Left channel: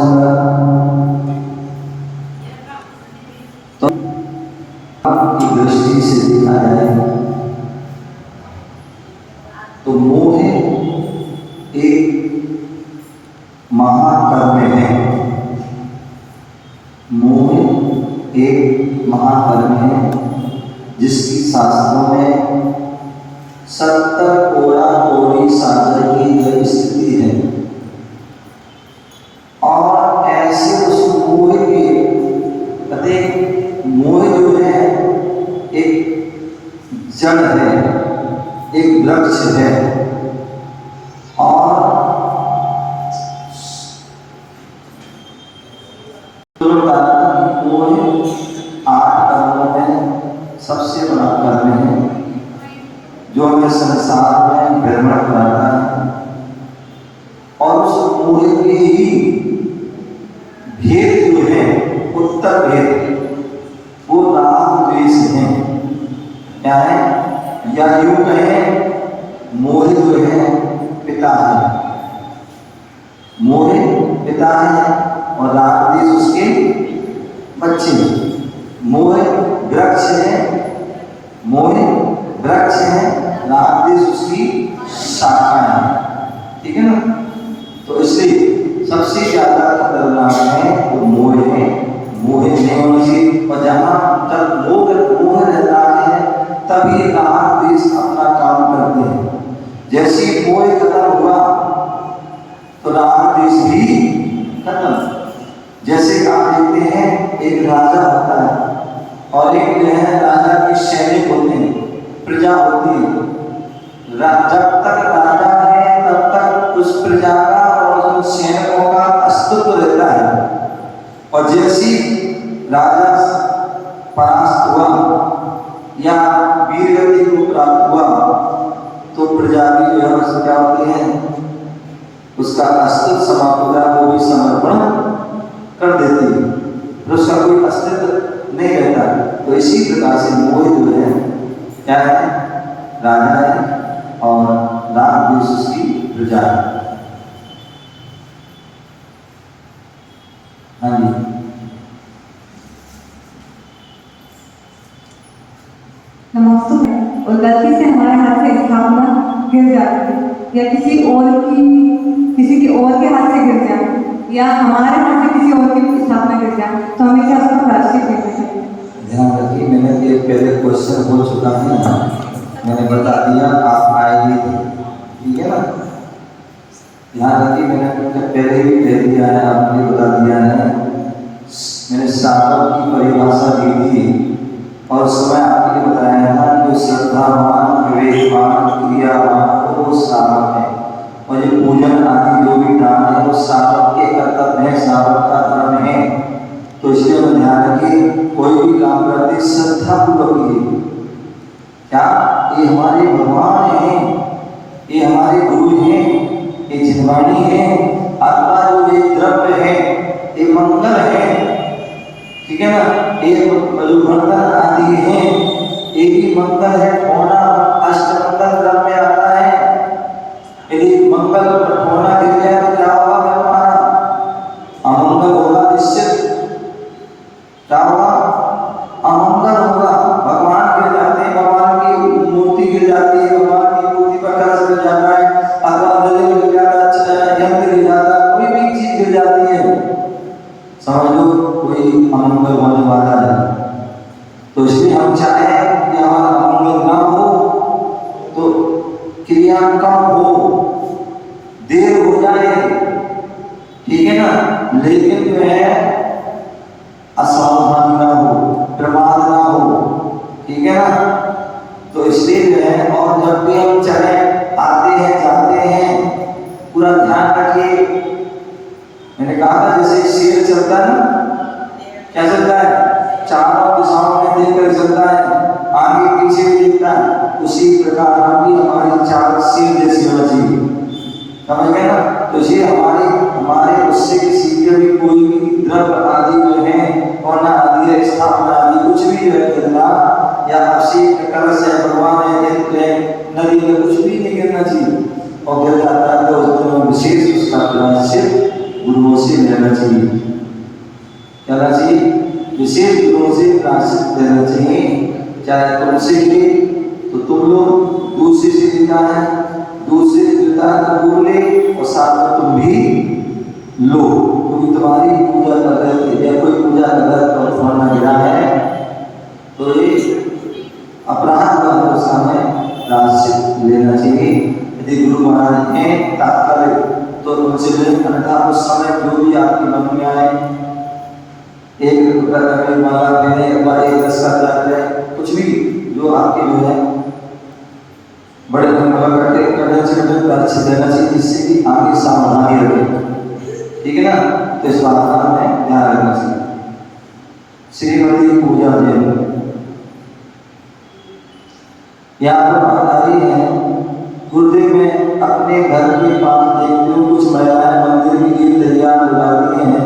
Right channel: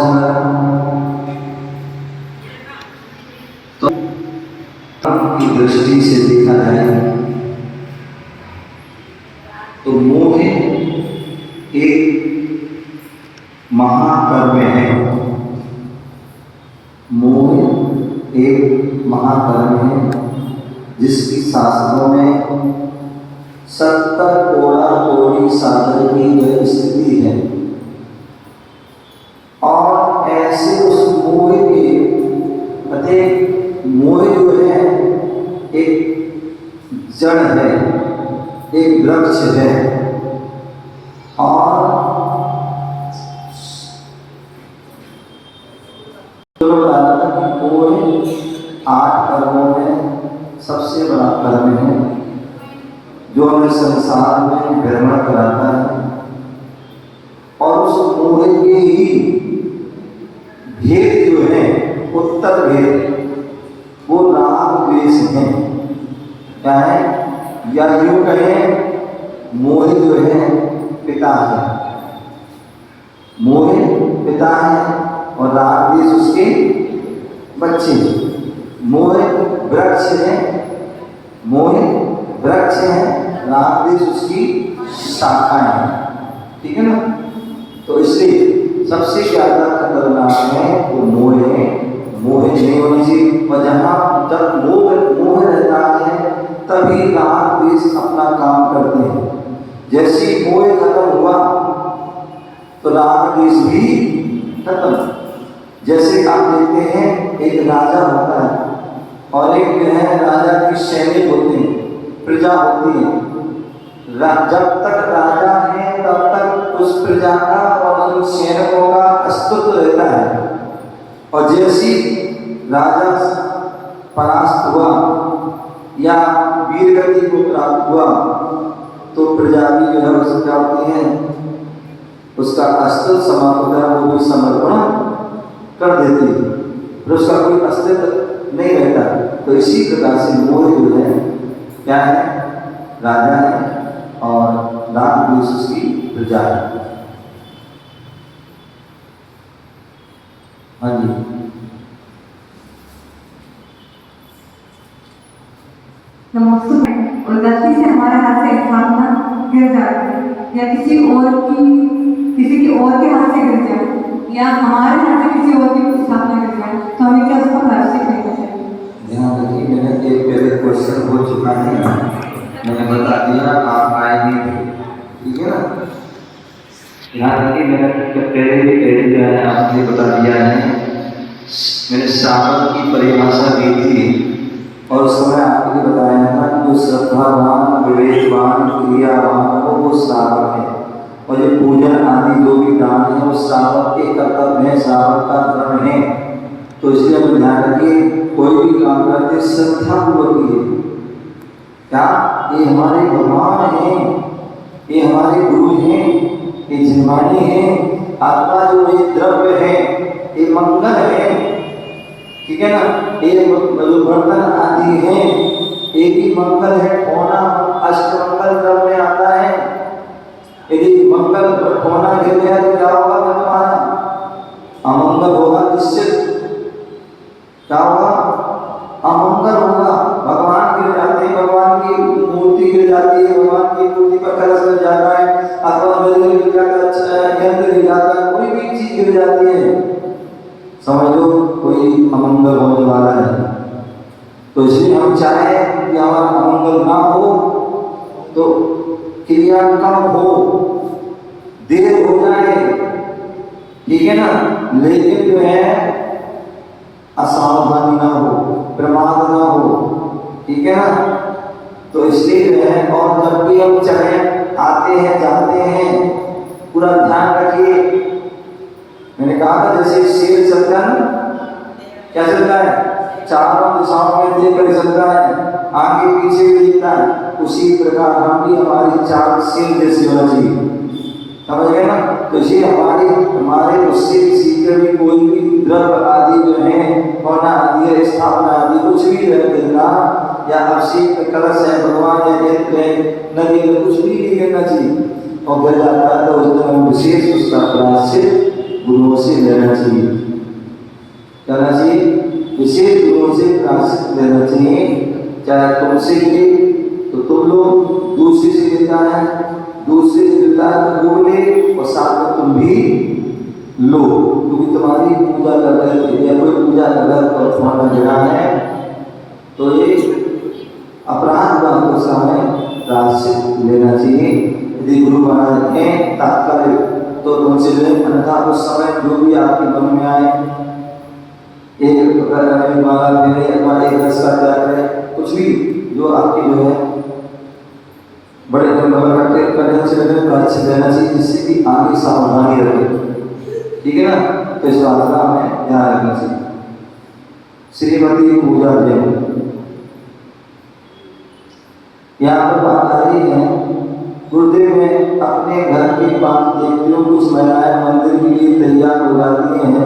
सुंदर। तो की दृष्टि से देखा जाए तो मोह एक महाकर्म है। मोह एक महाकर्म है जिसकी शास्त्रों में 70 कोड़ा कोड़ी सागर की स्थिति है। और ऐसे उस मोह के मोह जो है एक जड़ है, एक वृक्ष है। और मोह 8 कर्मों में सबसे बड़ा कर्म है जो हमें संसार में भ्रमण कराता है। और उस मोह के ही भेद जो है, उत्तर भेद, वो राग द्वेष है। क्या है? या यूं कहें मोह जो है पिता है, मोह पिता है और राग द्वेष उसके बच्चे। मोह वृक्ष है, मोह वृक्ष है, राग द्वेष उसकी शाखा है। ठीक है ना? तो इसलिए सबसे ज्यादा खतरनाक है वो मोह है। मोह नहीं होना चाहिए। और जहाँ जब मोह रहता है तभी राग द्वेष अपना काम करते हैं। जैसे मोह खत्म हुआ तो राग द्वेष भी खत्म। जैसे आप देखते हैं एक राजा होता है और एक जो है राजा के सैनिक होते हैं, प्रजा होती है। जब तक राजा है तब तक उस प्रजा का और उन सैनिकों का अस्तित्व रहता है। और जैसी राजा परास्त हुआ या वीरगति को प्राप्त हुआ तो प्रजा भी जो है उससे क्या होती है, उसका अस्तित्व समाप्त हो गया, वो भी समर्पण कर देती है, फिर उसका कोई अस्तित्व नहीं रहता। तो इसी प्रकार से मोह जो है क्या है, राजा है और राग द्वेष उसकी प्रजा है। हाँ जी, नमस्ते। और गलती से हमारे हाथ से स्थापना गिर जाए या किसी के और के हाथ से गिर जाए या हमारे हाथ से किसी और की स्थापना गिर जाए तो हमें क्या उसका प्रायश्चित करना चाहिए? ध्यान रखिए, मैंने एक पहले क्वेश्चन हो चुका है, मैंने बता दिया, आप आए नहीं थे। ठीक है ना? ध्यान रखिए, मैंने पहले भी कह दिया है, आपने बता दिया है। मैंने शावक की परिभाषा दी थी और उस समय आपने बताया था जो श्रद्धावान, विवेकवान, क्रियावान हो वो शावक है। और ये पूजन आदि जो भी दान है वो शावक के कर्तव्य है, शावक का धर्म है। तो इसलिए हम ध्यान रखिए, कोई भी काम करते श्रद्धा पूर्वक कीजिए। क्या ये हमारे भगवान हैं, ये हमारे गुरु हैं, ये जिनवाणी है, आत्मा जो एक द्रव्य है, एक मंगल है। ठीक है ना? एक बर्तन आदि है, एक ही मंगल है। होना अष्टमंगल द्रव्य में आता है। यदि मंगल होना गिर गया तो क्या होगा? हमारा अमंगल होगा, निश्चित। क्या होगा? अमंगल होगा। भगवान गिर जाते हैं, भगवान की मूर्ति गिर जाती है, भगवान की मूर्ति पर कलश गिर जाता है, अथवा नदी गिर जाता है, यंत्र गिर जाता है, कोई भी चीज गिर जाती है, समझो कोई अमंगल होने वाला है। तो इसलिए हम चाहें कि हमारा अमंगल ना हो तो क्रिया कम हो, देर हो जाए, ठीक है ना, लेकिन जो है असावधानी ना हो, प्रमाद ना हो। ठीक है ना? तो इसलिए जो है, और जब भी हम चाहे आते हैं जाते हैं पूरा ध्यान रखिए। मैंने कहा था जैसे शेर चलता है ना, क्या चलता है? चारों दिशाओं में देखकर चलता है, आगे पीछे भी देखता है। उसी प्रकार हम भी हमारी चाल शेर जैसी होना चाहिए। समझ गए ना? तो इसलिए हमारे उससे किसी के भी कोई भी द्रव्य आदि जो है, होना आदि, स्थापना आदि कुछ भी गिरना या अभिषेक कलश है, भगवान है, यंत्र है, नदी में कुछ भी नहीं गिरना चाहिए। और गिर जाता है तो उस दिन हम विशेष उसका प्रायश्चित गुरुओं से लेना चाहिए। क्या लेना चाहिए? विशेष गुरुओं से प्रायश्चित लेना चाहिए। चाहे तुमसे ले तो तुम लोग, दूसरे से लेता है, दूसरे से लेता है तो वो ले, और साथ में तुम भी लो। क्योंकि तुम्हारी पूजा कर रहे थे या कोई पूजा कर रहा है तो फलाना गिरा है तो ये अपराध हुआ, तो उसका हमें प्रायश्चित लेना चाहिए। यदि गुरु महाराज हैं तात्कालिक तो उनसे लें, अन्यथा उस समय जो भी आपके मन में आए, एक माला देने या एक रस का जाते कुछ भी जो आपके जो है बड़े करने से प्रायश्चित देना चाहिए, जिससे कि आगे सावधानी रहे। ठीक है ना? तो इस बात का हमें ध्यान रखना चाहिए। श्रीमती पूजा देव यहाँ पर बात आ रही है। गुरुदेव में अपने घर के पास देखते हो कुछ महिलाएं मंदिर के लिए तैयार हो जाती हैं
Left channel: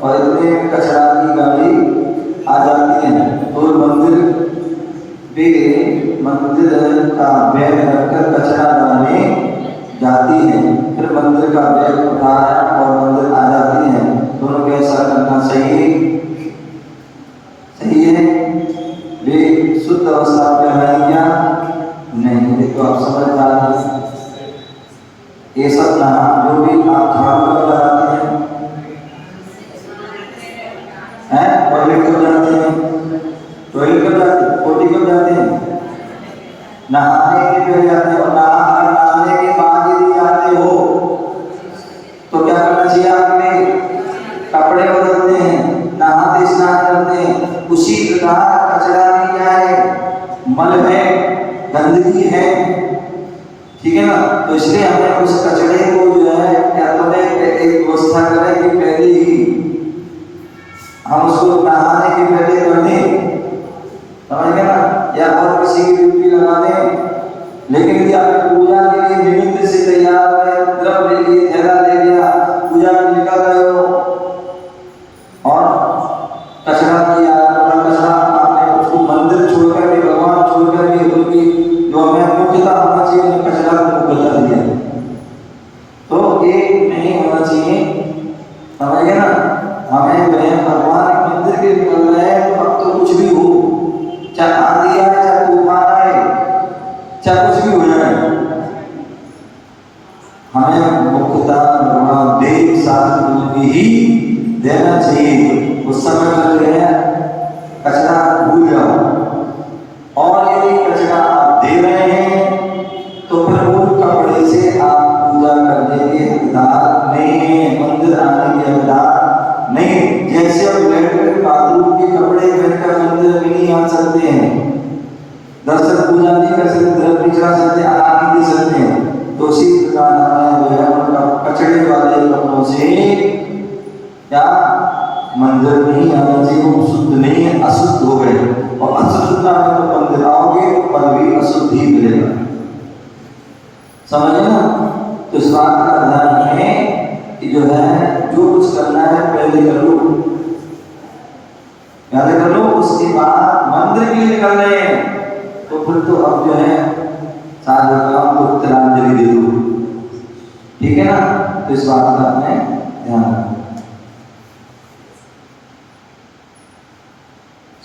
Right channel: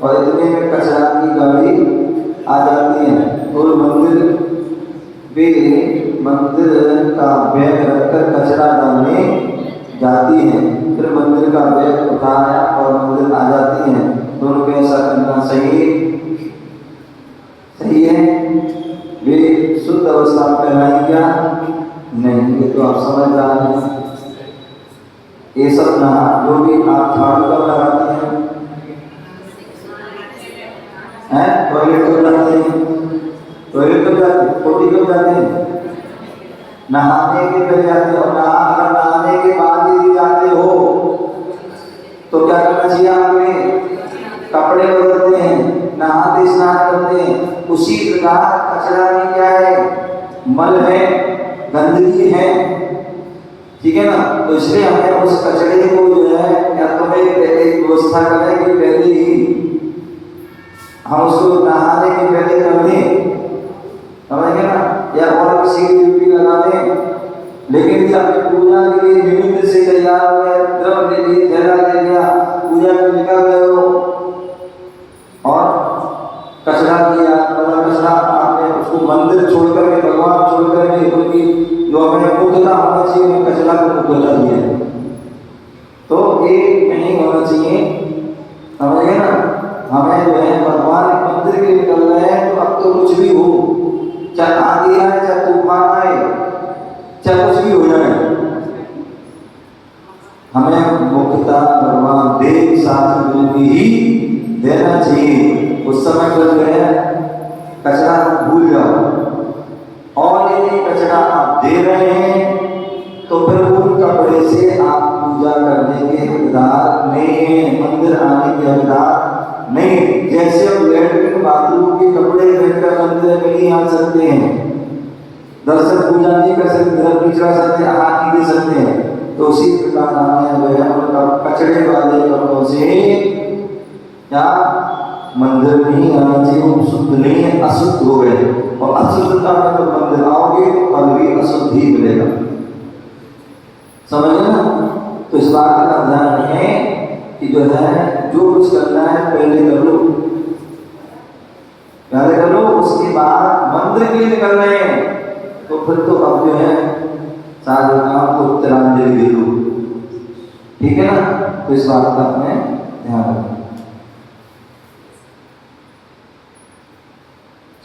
और इतने में कचरा की गाड़ी आ जाती है और मंदिर का बैग रखकर कचरा डालने जाती है। फिर मंदिर का बैग उठाया और मंदिर आ जाती है। दोनों को ऐसा करना सही है? वे शुद्ध अवस्था कहलाई क्या? नहीं। ये तो आप समझदार हैं। ये सब ना जो भी आप झाड़ू कर लगाते हैं, टॉयलेट कर जाते हैं, टोटी कर जाते हैं, नहाने के पहले जाते हैं, और नहाने के बाद यदि जाते हो तो क्या करना चाहिए? आपने कपड़े बदलते हैं, नहाते स्नान करते हैं। उसी प्रकार कचरा में क्या है? मल है, गंदगी है। ठीक है ना? तो इसलिए हमें उस कचरे को जो है या तो एक व्यवस्था करें कि पहले ही हम उसको नहाने के पहले कर दें, समझ गए ना? या और किसी की ड्यूटी लगा दें। लेकिन यदि आप पूजा के लिए निमित्त से तैयार है, द्रव ले लिए, थैला ले लिया, पूजा में निकल रहे हो और कचरा किया, कचरा आपने उसको मंदिर छोड़कर के, भगवान छोड़कर के, क्योंकि जो हमें मुख्यता होना चाहिए कचरा को बदल दिया, तो एक नहीं होना चाहिए। समझ गए ना? हमें जो है भगवान के मंदिर के निकल रहे हैं तो अब तो कुछ भी हो, चाहे आंधी आए, चाहे तूफान आए, चाहे कुछ भी हो जाए, हमें मुख्यता भगवान देव शास्त्र गुरु की ही देना चाहिए। उस समय पर जो है कचरा भूल जाओ। और यदि कचरा आप दे रहे हैं तो फिर वो कपड़े से आप पूजा करने के हकदार नहीं है, मंदिर आने के हकदार नहीं। जैसे हम लैट्रिन बाथरूम के कपड़े पहनकर मंदिर में नहीं आ सकते हैं, दर्शन पूजा नहीं कर सकते, धर्म नहीं चढ़ा सकते, आरती दे सकते हैं, तो उसी प्रकार हमें जो है उनका कचड़े वाले कपड़ों से क्या मंदिर नहीं आना चाहिए। वो शुद्ध नहीं है, अशुद्ध हो गए, और अशुद्धता में तो मंदिर आओगे पर भी अशुद्ध ही मिलेगा। समझ ना? तो इस बात का ध्यान रखें कि जो है जो कुछ करना है पहले कर लो, उसके बाद मंदिर के लिए निकल रहे हैं तो फिर तो अब जो है सारे काम को तिलांजलि दे दो। ठीक है ना? तो इस बात का हमें ध्यान रखें।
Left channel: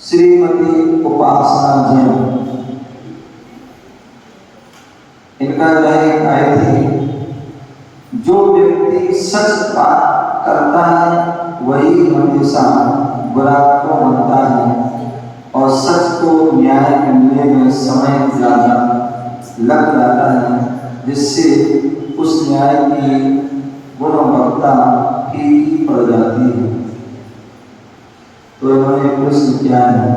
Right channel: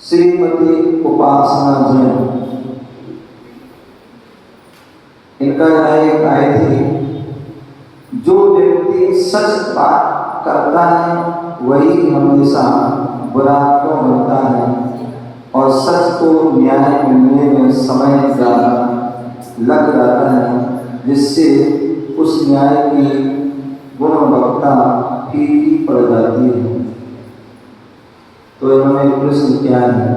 श्रीमती उपासना जी, इनका एक आय थी, जो व्यक्ति सच बात करता है वही हमेशा बुरा को मानता है और सच को न्याय मिलने में समय ज्यादा लग जाता है, जिससे उस न्याय की गुणवत्ता फीकी पड़ जाती है। तो इन्होंने प्रश्न किया है,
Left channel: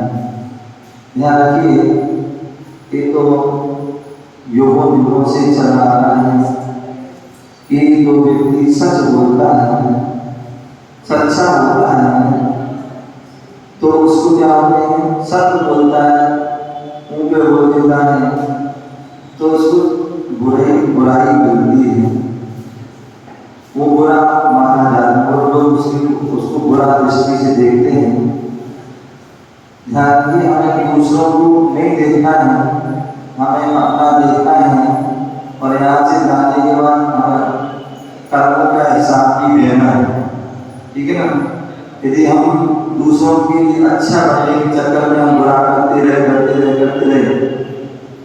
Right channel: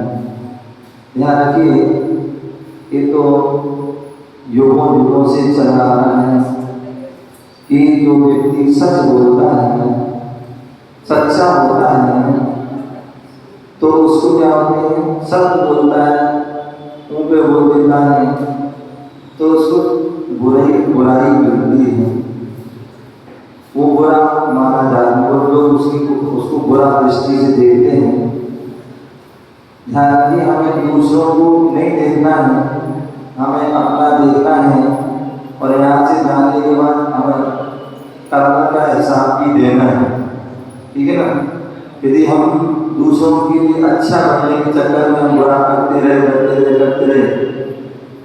ध्यान रखिए, ये तो युगों से चला आ रहा है कि जो व्यक्ति सच बोलता है, सच्चा होता है, तो उसको क्या कहते हैं? सत्य बोलता है, मुंह पे बोल देता है, तो उसको बुराई मिलती है, वो बुरा माना जाता है और लोग उसको बुरा दृष्टि से देखते हैं। ध्यान रखिए, हमें दूसरों को नहीं देखना है, हमें अपना देखना है, और यहाँ से जाने के बाद हमें कर्म का हिसाब भी देना है। ठीक है ना। यदि हम दूसरों के लिए अच्छा बनने के चक्कर में हम बुरा करते रहे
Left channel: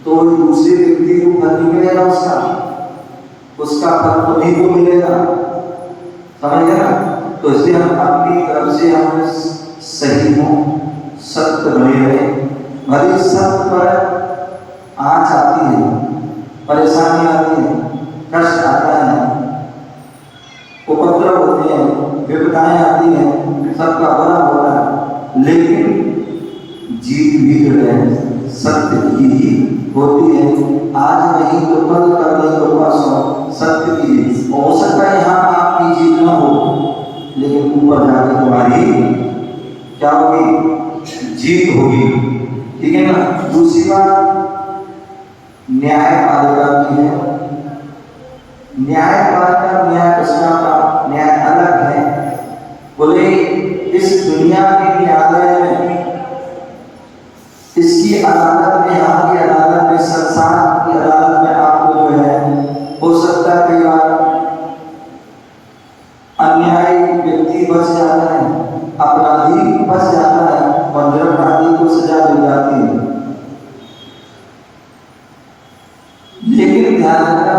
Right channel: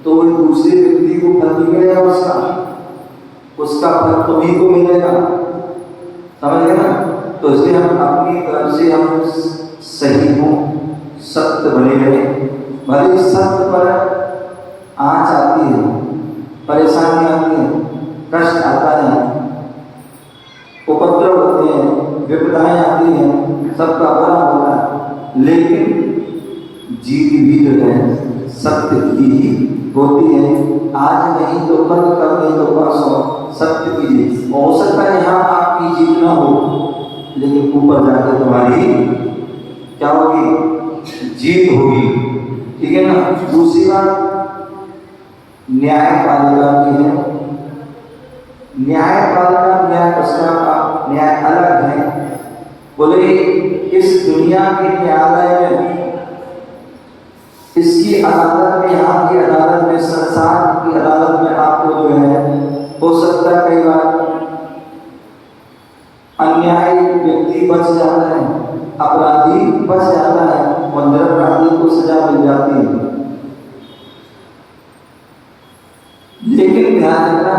तो दूसरे व्यक्ति को फल नहीं मिलेगा, उसका फल तुम्हीं को मिलेगा, समझ गए ना। तो इसलिए हम अपनी तरफ से हम सही हो, सत्य बने रहे। भले सत्य पर आँच आती है, परेशानी आती है, कष्ट आता है, उपद्रव होते हैं, विपदाएं आती हैं, सबका भला होता है, लेकिन जीत भी जो है सत्य की ही होती है। आज नहीं तो कल, कल नहीं तो परसों सत्य की जीत हो सकता है। यहाँ आपकी जीत ना हो, लेकिन ऊपर जाकर तुम्हारी क्या होगी? जीत होगी, ठीक है ना। दूसरी बात न्यायपालिका की है। न्यायपालिका न्याय उसका न्याय अलग है। बोले इस दुनिया के न्यायालय में, इसकी अदालत में, यहाँ की अदालत में, संसार की अदालत में आपको जो है हो सकता है कई बार अन्यायी व्यक्ति बच जाता है, अपराधी बच जाता है और निरपराधी को सजा मिल जाती है। लेकिन ध्यान रखना,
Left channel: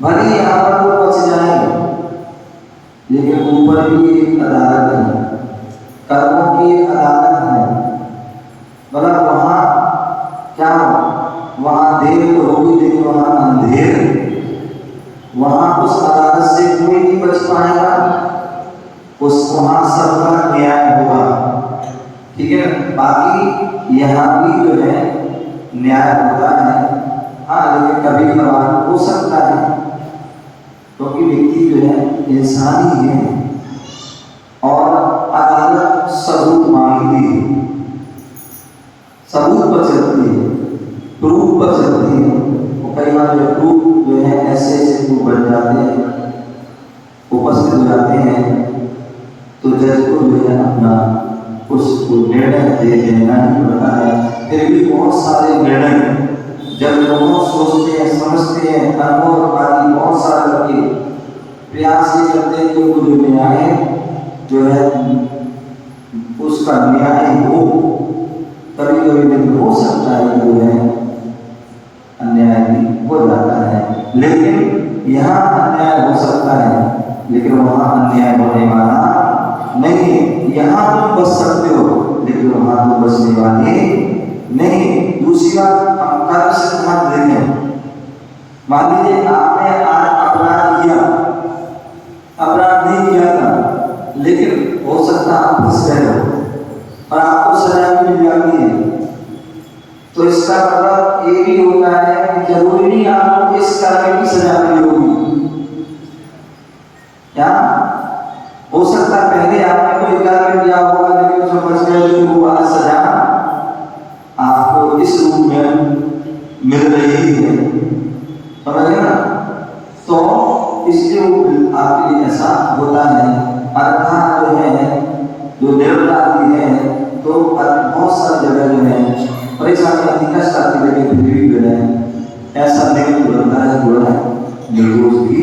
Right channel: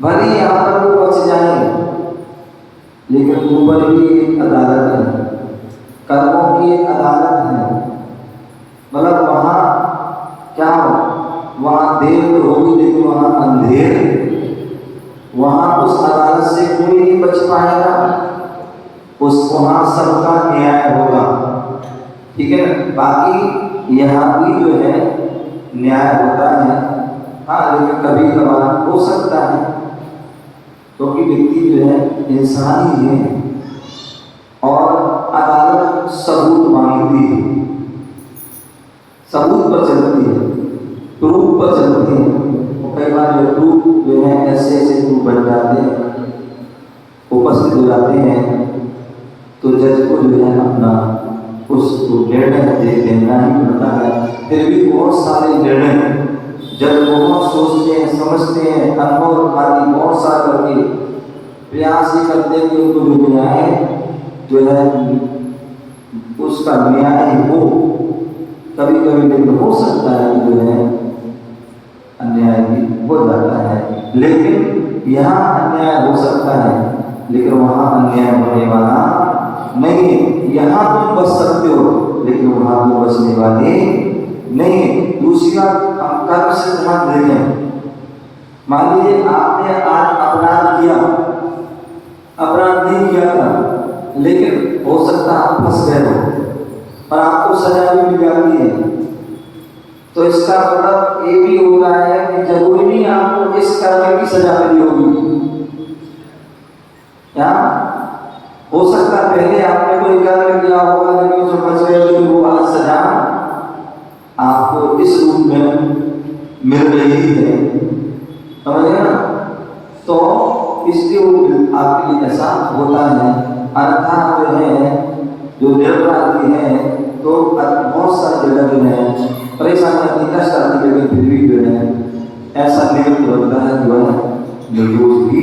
भले ही आप लोग बच जाए, लेकिन ऊपर भी एक अदालत है, कर्मों की एक अदालत है। मतलब वहां क्या हो, वहां देर तो होगी, लेकिन वहां अंधेर, वहां उस अदालत से कोई नहीं बच पाएगा, उस वहां सबका न्याय होगा, ठीक है ना। बाकी यहाँ भी जो है न्याय होता है, हाँ, लेकिन कभी कभार हो सकता है, क्योंकि व्यक्ति जो है इंसान ही है और अदालत सबूत मांगती है, सबूत पर चलती है, प्रूफ पर चलती है। और कई बार जो प्रूफ जो है ऐसे ऐसे प्रूफ बन जाते हैं, उपस्थित हो जाते हैं, तो जज को जो है अपना उसको निर्णय दे देना ही पड़ता है। फिर भी बहुत सारे निर्णय जब बहुत सोचते हैं, समझते हैं, अनुभव आदि बहुत सारा करके प्रयास ये करते हैं कि उनको जो न्याय जो है उसका न्याय हो। कभी कभी लेकिन हो सकता है जो है अन्याय भी हो जाता है, लेकिन यहाँ अन्याय हो सकता है, लेकिन वहाँ अन्याय होने वाला नहीं है। यहाँ तुम बच सकते हो, लेकिन वहाँ तुम बचने वाले नहीं। दूसरी बात, हम कर्म सिद्धांत देखें। मान लीजिए आपने आज अपराध किया, अपराध नहीं किया था, लेकिन हो सकता आप फंस गए हो और आपको सजा भी मिल जाती है, तो इसका मतलब ये भी होता है कि जरूरी नहीं आपको इस कर्म की सजा मिली होगी। क्या हो सकता है पहले आपने कोई कर्म किया होगा, लेकिन उसमें फंस गए, लेकिन वो आज सजा आपको इस रूप में मिल रही है, समझ गए ना। तो इसलिए वो आपके लिए ऐसा होता है। अर्थात जो है जो निरपराधी है, तो बहुत सारी जगह जो है परेशानी आती, कष्ट आती, लेकिन फिर भी जो है ऐसा नियम बनता है जो है निर्दोष भी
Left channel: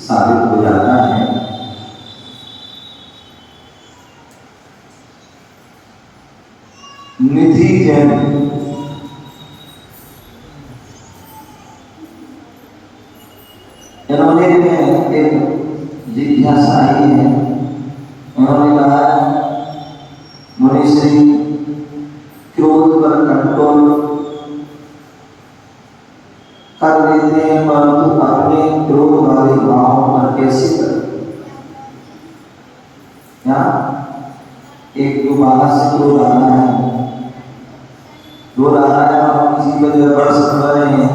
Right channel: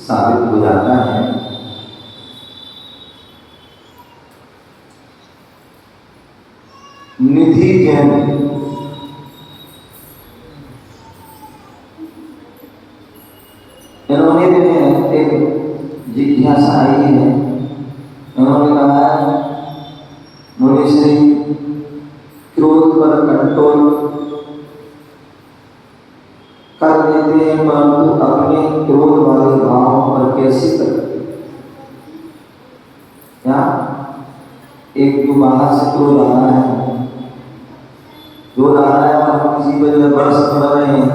साबित हो जाता है। निधि जैन इन्होंने एक जिज्ञासा आई है। उन्होंने कहा मुनि श्री क्रोध पर कंट्रोल कर लेते हैं, परंतु अपने क्रोध वाले भाव पर कैसे करें? क्या एक जो बाहर से क्रोध आ रहा है, जो आ रहा है और हम किसी वजह बरस पड़ रहे हैं,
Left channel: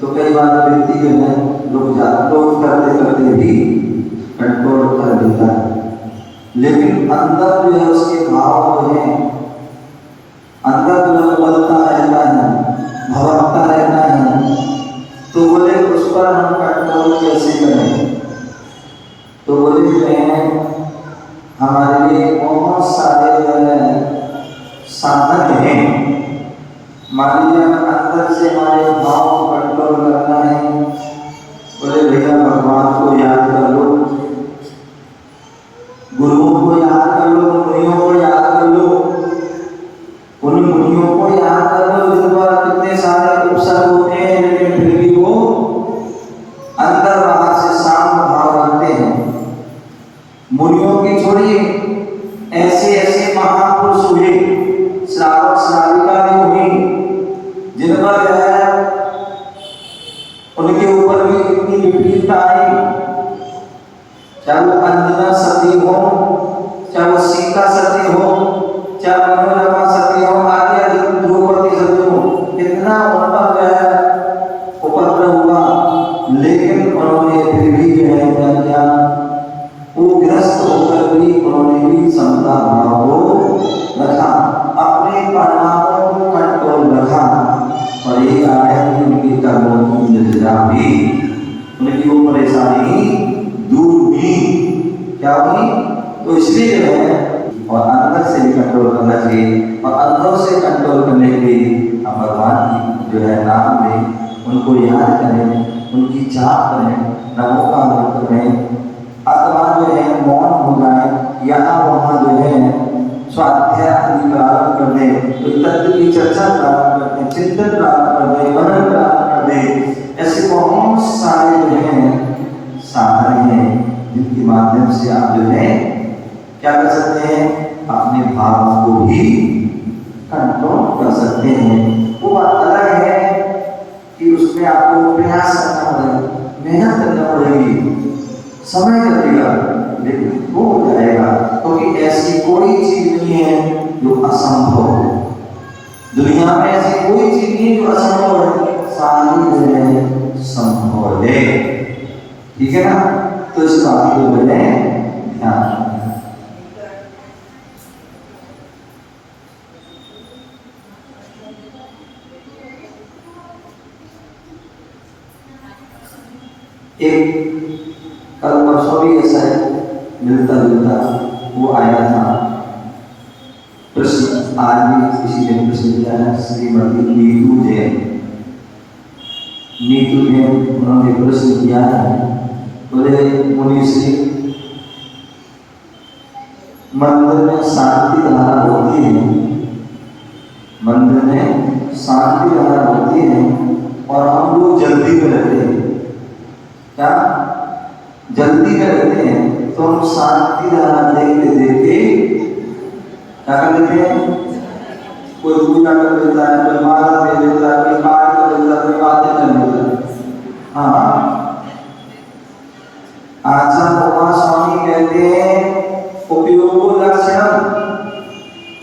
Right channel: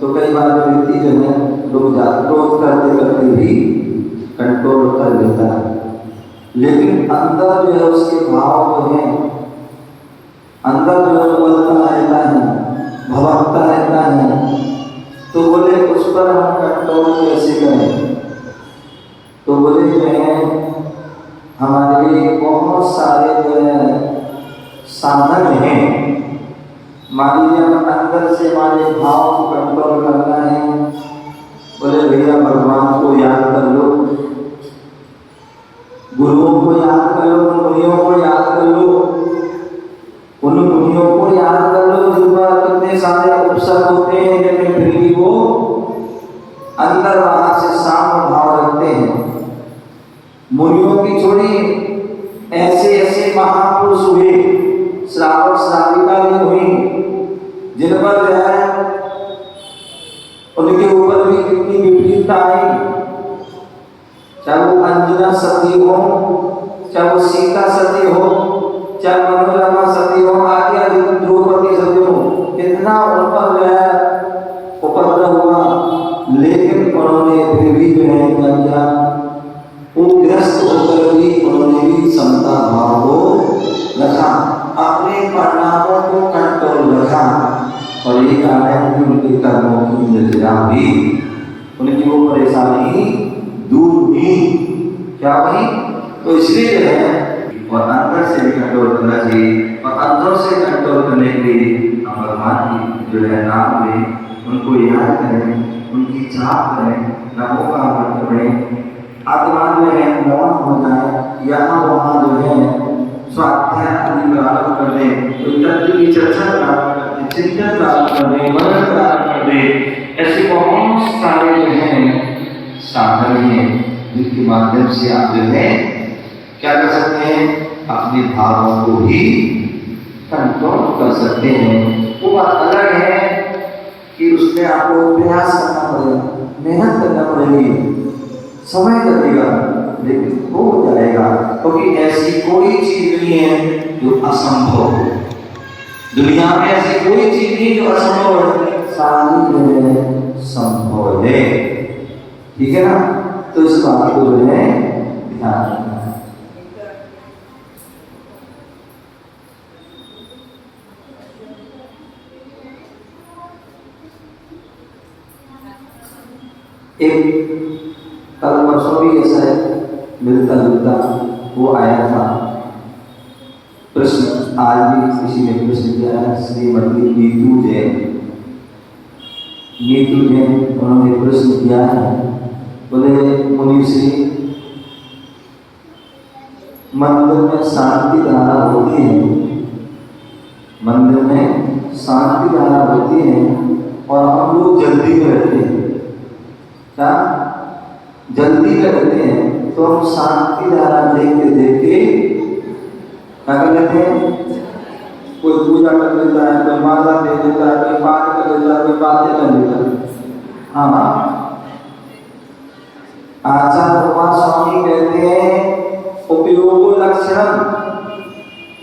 तो कई बार व्यक्ति जो है लोग क्रोध करते करते भी कंट्रोल कर लेता है, लेकिन अंदर जो है उसके भाव जो है, अंदर जो है बदलता रहता है, भवकता रहता है। तो बोले उस पर हम कंट्रोल कैसे करें? तो बोले जो है हमारे लिए बहुत सारे जो है साधन हैं। मान लीजिए अंदर से हमारे भाव को कंट्रोल करना है, बोले भैया भगवान को याद कर लो, उनके ऊपर भी कितनी विपरीतता आई, चाहे वो अंजना सती हो, चाहे वो सीता सती हो, चाहे मनोरमा सती हो, आगे द्रौपदी सती हो, कितना उपद्रव हुआ, लेकिन उन्होंने फिर भी जो है क्या ग्रस्त होकर भी उन्होंने भी समता भाव को रखा, अपने परिणामों को कंट्रोल रखा। और ये आया कि उनके कर्मों की निर्जरा भी, उनकी वो परेशानी दूर हुई, क्या हुई? तो इसलिए जो है और अंदर से भी कंट्रोल करना चाहिए, और अंदर से कंट्रोल करने के लिए हम भगवान की जो है नाम लें, उनको याद करें, उनकी चाह करें, नामों का अर्थ करें, आत्मा जो है मौन हो जाए, यहाँ वहाँ जो है स्वाध्याय आदि प्रारंभ कर दें, तो तत्व की चर्चा प्रारंभ कर दें, चिंतन प्रारंभ कर दें, मनन प्रारंभ कर दें। ऐसे बहुत सारे जो हैं साधन हैं जिनके माध्यम से आप जो है क्या कर सकते हैं, अपने भावों को भी कंट्रोल कर सकते हैं। वो बात अलग है कि उसमें आपको प्रयास करना पड़ेगा, मेहनत करना पड़ेगी, समय लगेगा, लेकिन हो जाएगा, क्योंकि ऐसी कोई चीज नहीं है जो असंभव हो। दुनिया में ऐसी कोई चीज नहीं जो असंभव है, सारी है संभव है। ठीक है ना? तो इस बात को जो है ध्यान रखना। एक कल परसों भी ऐसा है मिलता जुलता वो आया था प्रश्न, आज भी किसी ने प्रश्न किया है, श्रीमती नीतू जैन, उन्होंने प्रश्न किया है, बोले मुनि श्री मंदिर में शांति धारा होती है, मंदिर में शांति धारा होती है और हम लोग जल्दी में रहते हैं, क्या जल्दी में रहते हैं, तो हम शांति धारा देखते देखते क्या कर लेते हैं, कोई पूजा कर लेता है, कोई माला दे देता है, कोई पाठ कर लेता है, कोई बातें कर लेता है। हाँ, आचार्य स्वामी कहते हैं उपयोग लक्षण,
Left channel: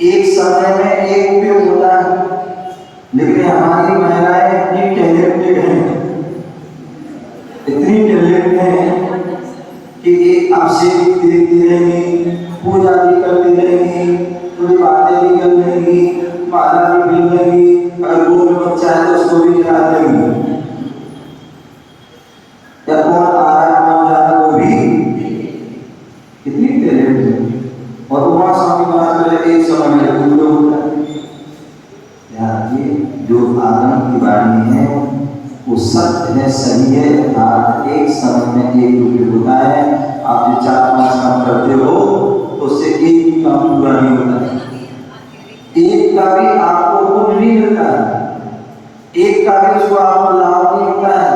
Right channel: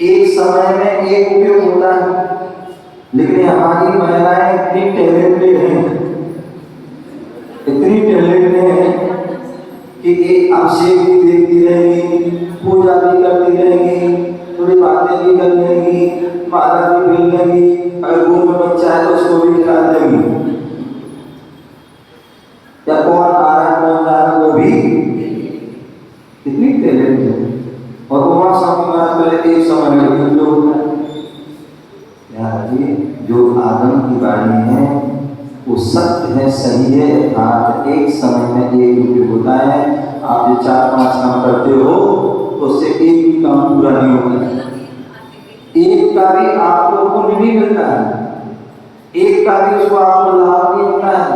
एक समय में एक उपयोग होता है, लेकिन हमारी महिलाएं इतनी टैलेंटेड हैं, इतनी टैलेंटेड हैं कि ये आपसे भी देखती रहेंगी, पूजा भी करती रहेंगी, थोड़ी बातें भी कर लेंगी, माला भी पहन लेंगी, अगर वो बच्चा है तो उसको भी खिला देंगी, या कौन आ रहा है कौन जा रहा है वो भी, कितनी टैलेंट है। और वहाँ स्वामी महाराज बोले एक समय में उपयोग होता है। यार ये जो आगम की वाणी है वो सत्य है, सही है, यथार्थ, एक समय में एक उपयोग होता है। आप जो 4-5 काम करते हो तो उससे एक भी काम पूरा नहीं होता है, एक का भी आपको पुण्य नहीं मिलता है, एक का भी उसको आपको लाभ नहीं मिलता है।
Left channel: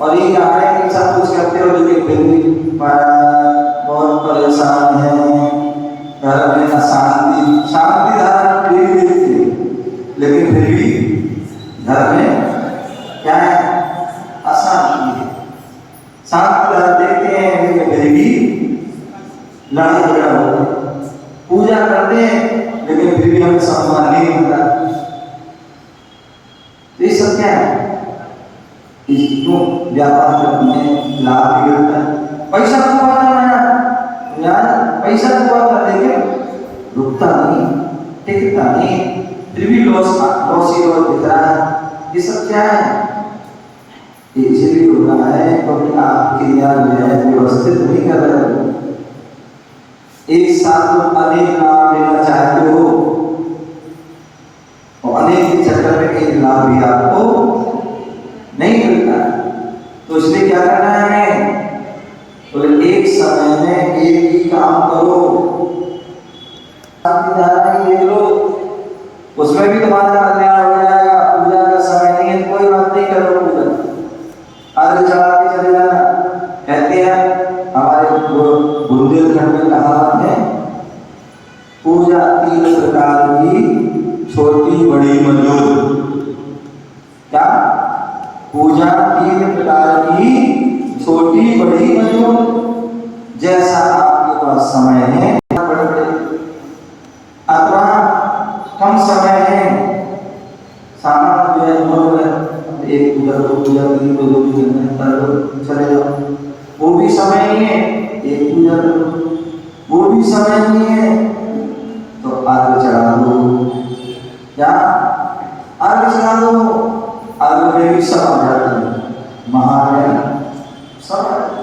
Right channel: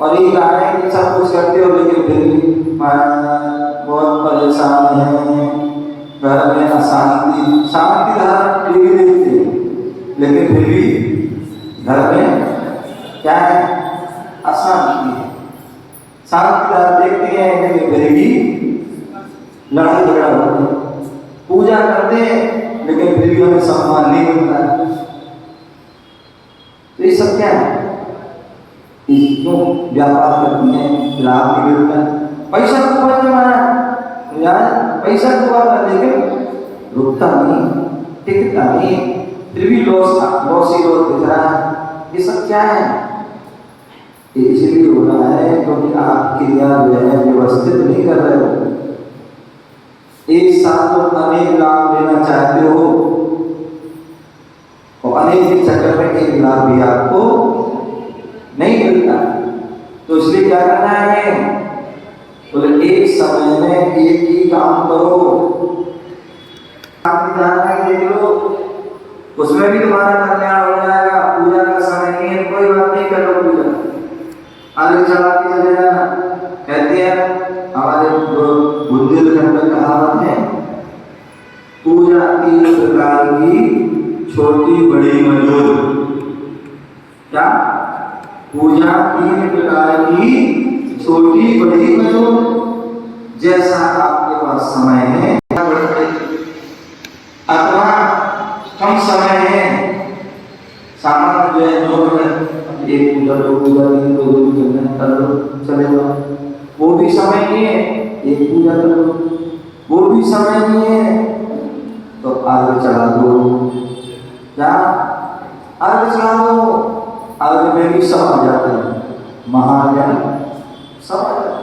और ये कहा है कि सब कुछ करते हो लेकिन फिर भी बहुत परेशान है, घर में अशांति, शांति धारा टीवी देखते हैं लेकिन फिर भी घर में क्या है, अशांति है। शांति धारा देखते हैं लेकिन फिर भी लड़ाई झगड़ा होता है, पूजा करते हैं लेकिन फिर भी हमें सम्मान नहीं मिलता। तो ये सब क्या है, इसको व्यापार करती है, लाभ भी मिलता है, पैसा को कमाना यार, पैसा कमाना, लेकिन रुकता नहीं, टिकता नहीं, फिर भी लॉस ही लॉस दिख रहा है। ये सब क्या है, इसलिए हो रहा है क्योंकि आप क्रिया जो है व्यवस्थित नहीं कर रहे हो। एक साथ तो अनेक लाभ लेना चाहते हो और अनेक के चक्कर में एक लाभ भी आपको नहीं मिलता, तो इसलिए क्या करना है हमें, तो एक समय में एक ही काम करो। देख लो, उसमें भी तुम्हारा कल्याण हो जाएगा। पूजा का समय नहीं है, कोई बात नहीं, करो पूजा, आगे चढ़ा के चले जाना। कहते हैं हमारे बुंदेलखंड में कहावत है, पूजा 3 प्रकार की, छोटी बड़ी मजूद। क्या पूजा 3 प्रकार की, छोटी बड़ी करो, जैसा आपके पास समय है, अथवा कम समय है, सामान्य जो है 9 मिनट, 1 पूजा 2 पूजा 3 पूजा कर लो, चले जाओ, वो भी समय नहीं है, 1 पूजा कर लो, वो भी समय नहीं है, तो आग चढ़ा दो, क्या आग चढ़ा दो, आग में भी सब आ जाता है, महाज्ञान सब आ जाता है,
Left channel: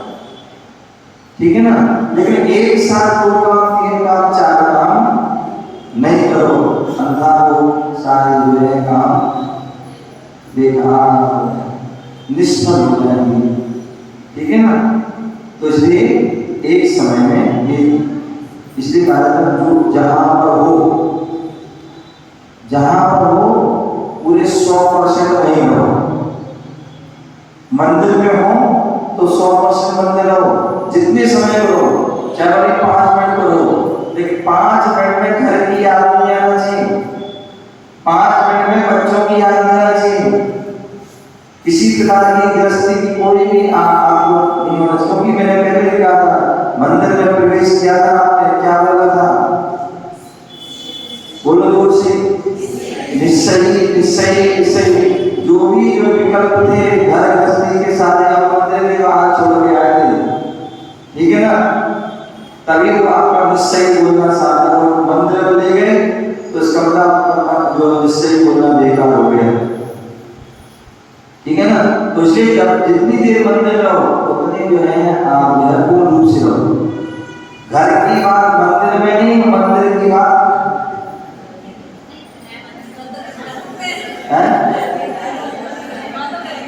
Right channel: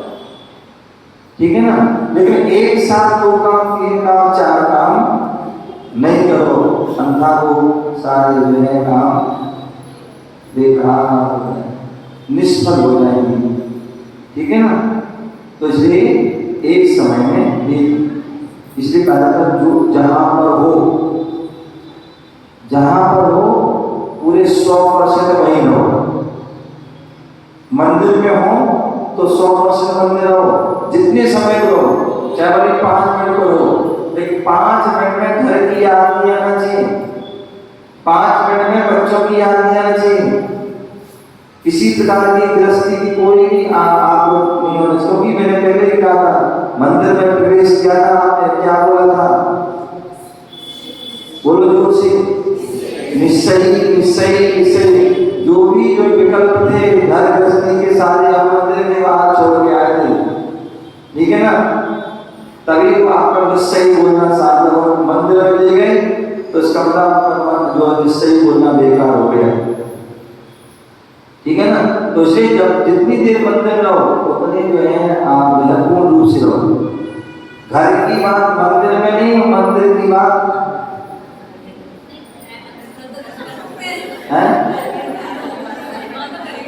ठीक है ना। लेकिन एक साथ 2 काम 3 काम 4 काम नहीं करो, अंधा वो सारे जो है काम बेकार निष्फल हो जाएंगे, ठीक है ना। तो इसलिए एक समय में ये, इसलिए कहा जाता है जो जहां पर हो पूरे 100% वहीं रहो, मंदिर में हो तो 100% मंदिर रहो, जितने समय रहो, चाहे बड़ी 5 मिनट रहो, लेकिन 5 मिनट में घर की याद नहीं आना चाहिए, 5 मिनट में बच्चों की याद नहीं आना चाहिए, किसी प्रकार की गृहस्थी की कोई भी आप लोग नहीं होना चाहिए। क्योंकि मैंने पहले भी कहा था, मंदिर में प्रवेश किया था, आपने क्या बोला था, बोलो जोर से, निश्चय जो विकल्प थे घर गृहस्थी के सारे आप मंदिर में बाहर छोड़ के आए थे, ठीक है ना। तभी तो आपका निश्चय बोलना सार्थक हो, मंदिर में ले गए तो इसका मतलब आपका जो निश्चय बोलना बेकार हो गया, ठीक है ना। तो इसलिए जब जितनी देर मंदिर रहो उतने जो है आप पूर्ण रूप से रहो, घर की बात मंदिर में नहीं, मंदिर की बात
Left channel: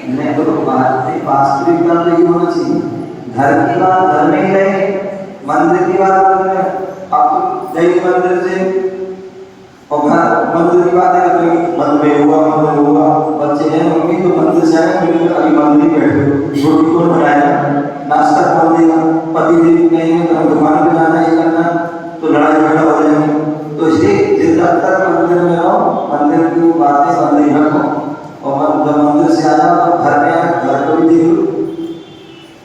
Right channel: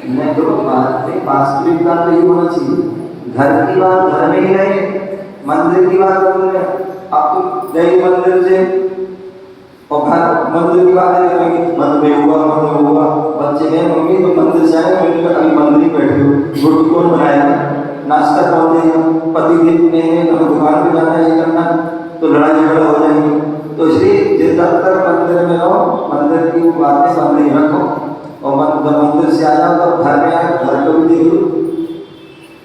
मैं तो वास्तविकता तो ये होना चाहिए, घर की बात घर में ही रहे, मंदिर की बात मंदिर में। आप तो गए मंदिर से और घर मंदिर की बात है, मंदिर हुआ बच्चे गए मम्मी तो मंदिर से आए, मैंने कहा अभी मंदिर ही बैठे हो, रोटी कौन बनाएगा, नाश्ता कौन देगा, पति देव कहेंगे तो हम दुकान पे जाना ये करना, तो लड़ाई झगड़ा हो जाएंगे। तो इसलिए जब तक मंदिर में रहो, मंदिर की वो बातें मंदिर ही रखो, और जब मंदिर से आ जाओ तो घर में आए, घर को भी देख लो,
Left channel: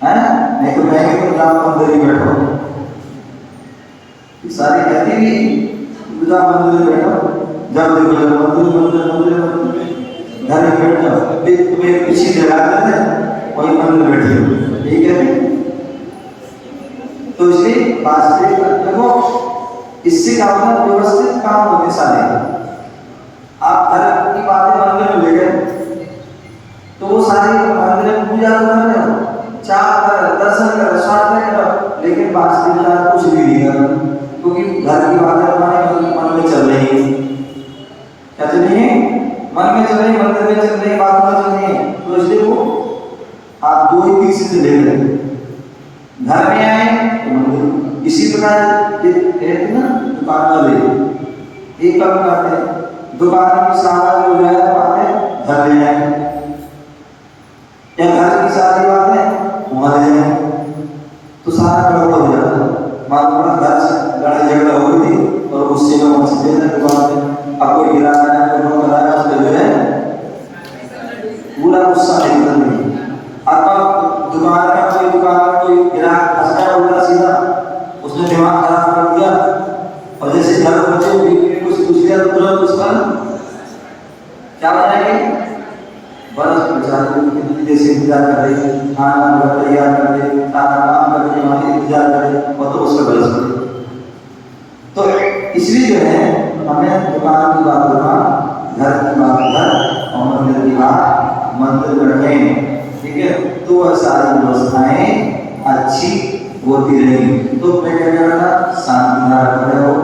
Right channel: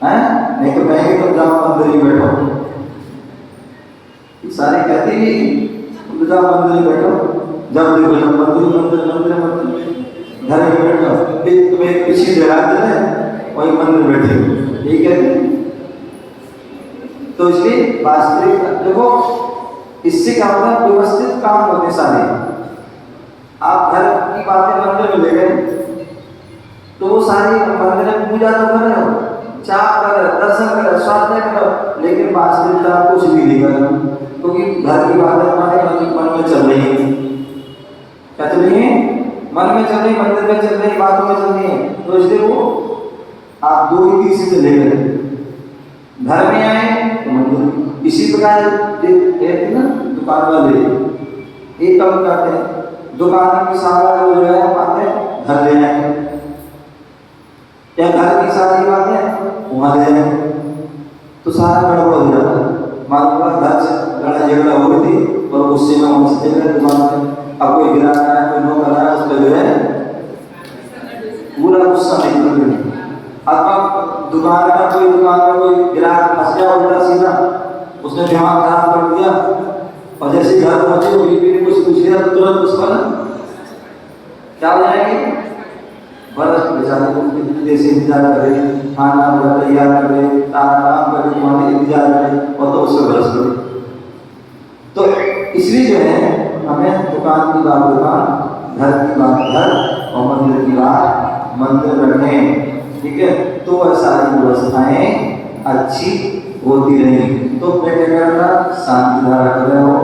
हैं नहीं तो कहेंगे तो जाओ मंदिर ही बैठो, सारी कहती भी जाओ मंदिर में बैठो, जब देखो मंदिर घर में बैठो, तुम्हें पीछे जगह देते हैं वही मंदिर बैठे हो, ठीक है। तो इसलिए वास्तविक देखो, इससे क्या होता है, व्यवस्थित काम होते सारे। आप घर की बातें मंदिर में ले गए तो वो सारी मंदिर में पूजा तो कर रहे हो, चार कर दर्शन कर स्वाध्याय करो, लेकिन वास्तविकता कुछ भी नहीं करो, क्योंकि घर की बातें हमारे मन में चल रही है, क्या चल रही है, मन में चल रही, मंदिर में चल रही, बात में चल रही है। तो इसलिए वो आप 2 ही चीज से ले गए, घर में आए तो मंदिर। इसी प्रकार ना दुकान वाले एक काम करते हैं, दुकान की सामान जो है बातें घर ले जाएंगे, या घर की सारी बातें वहां ले जाएंगे, तो सारा गड़बड़ हो जाता है। मान लो घर से लड़ाई झगड़ा हो गई थी और उससे में वहां से देख दुकान पे अब कोई गिरा है, कोई नो कर रहा है, उसका जो है पूरा गुस्सा निकल गया। अब दुकान में कोई ग्राहक फंस गया उल्टा सीधा, उसने दिमाग खराब कर दिया, और जैसे घर पहुंचे बीवी ने कुछ पूछ लिया तो तुरंत उस पर क्या हो जाएगी, बरस बेचारे को कितनी देर से इंतजार कर रही, खाना वगैरह तैयार कर रही, काम कर रही, हमारे इंतजार कर रही, और तो उससे बरस पड़ी। तो इसलिए जो है हमें दुकान की बात दुकान, घर की बात घर, और मंदिर की बात मंदिर में रखें, ठीक है। तो वह सारी व्यवस्थाएं अच्छी होती रहेंगी। तो मैं क्या कह रहा था, शांति धारा कर रहे हो,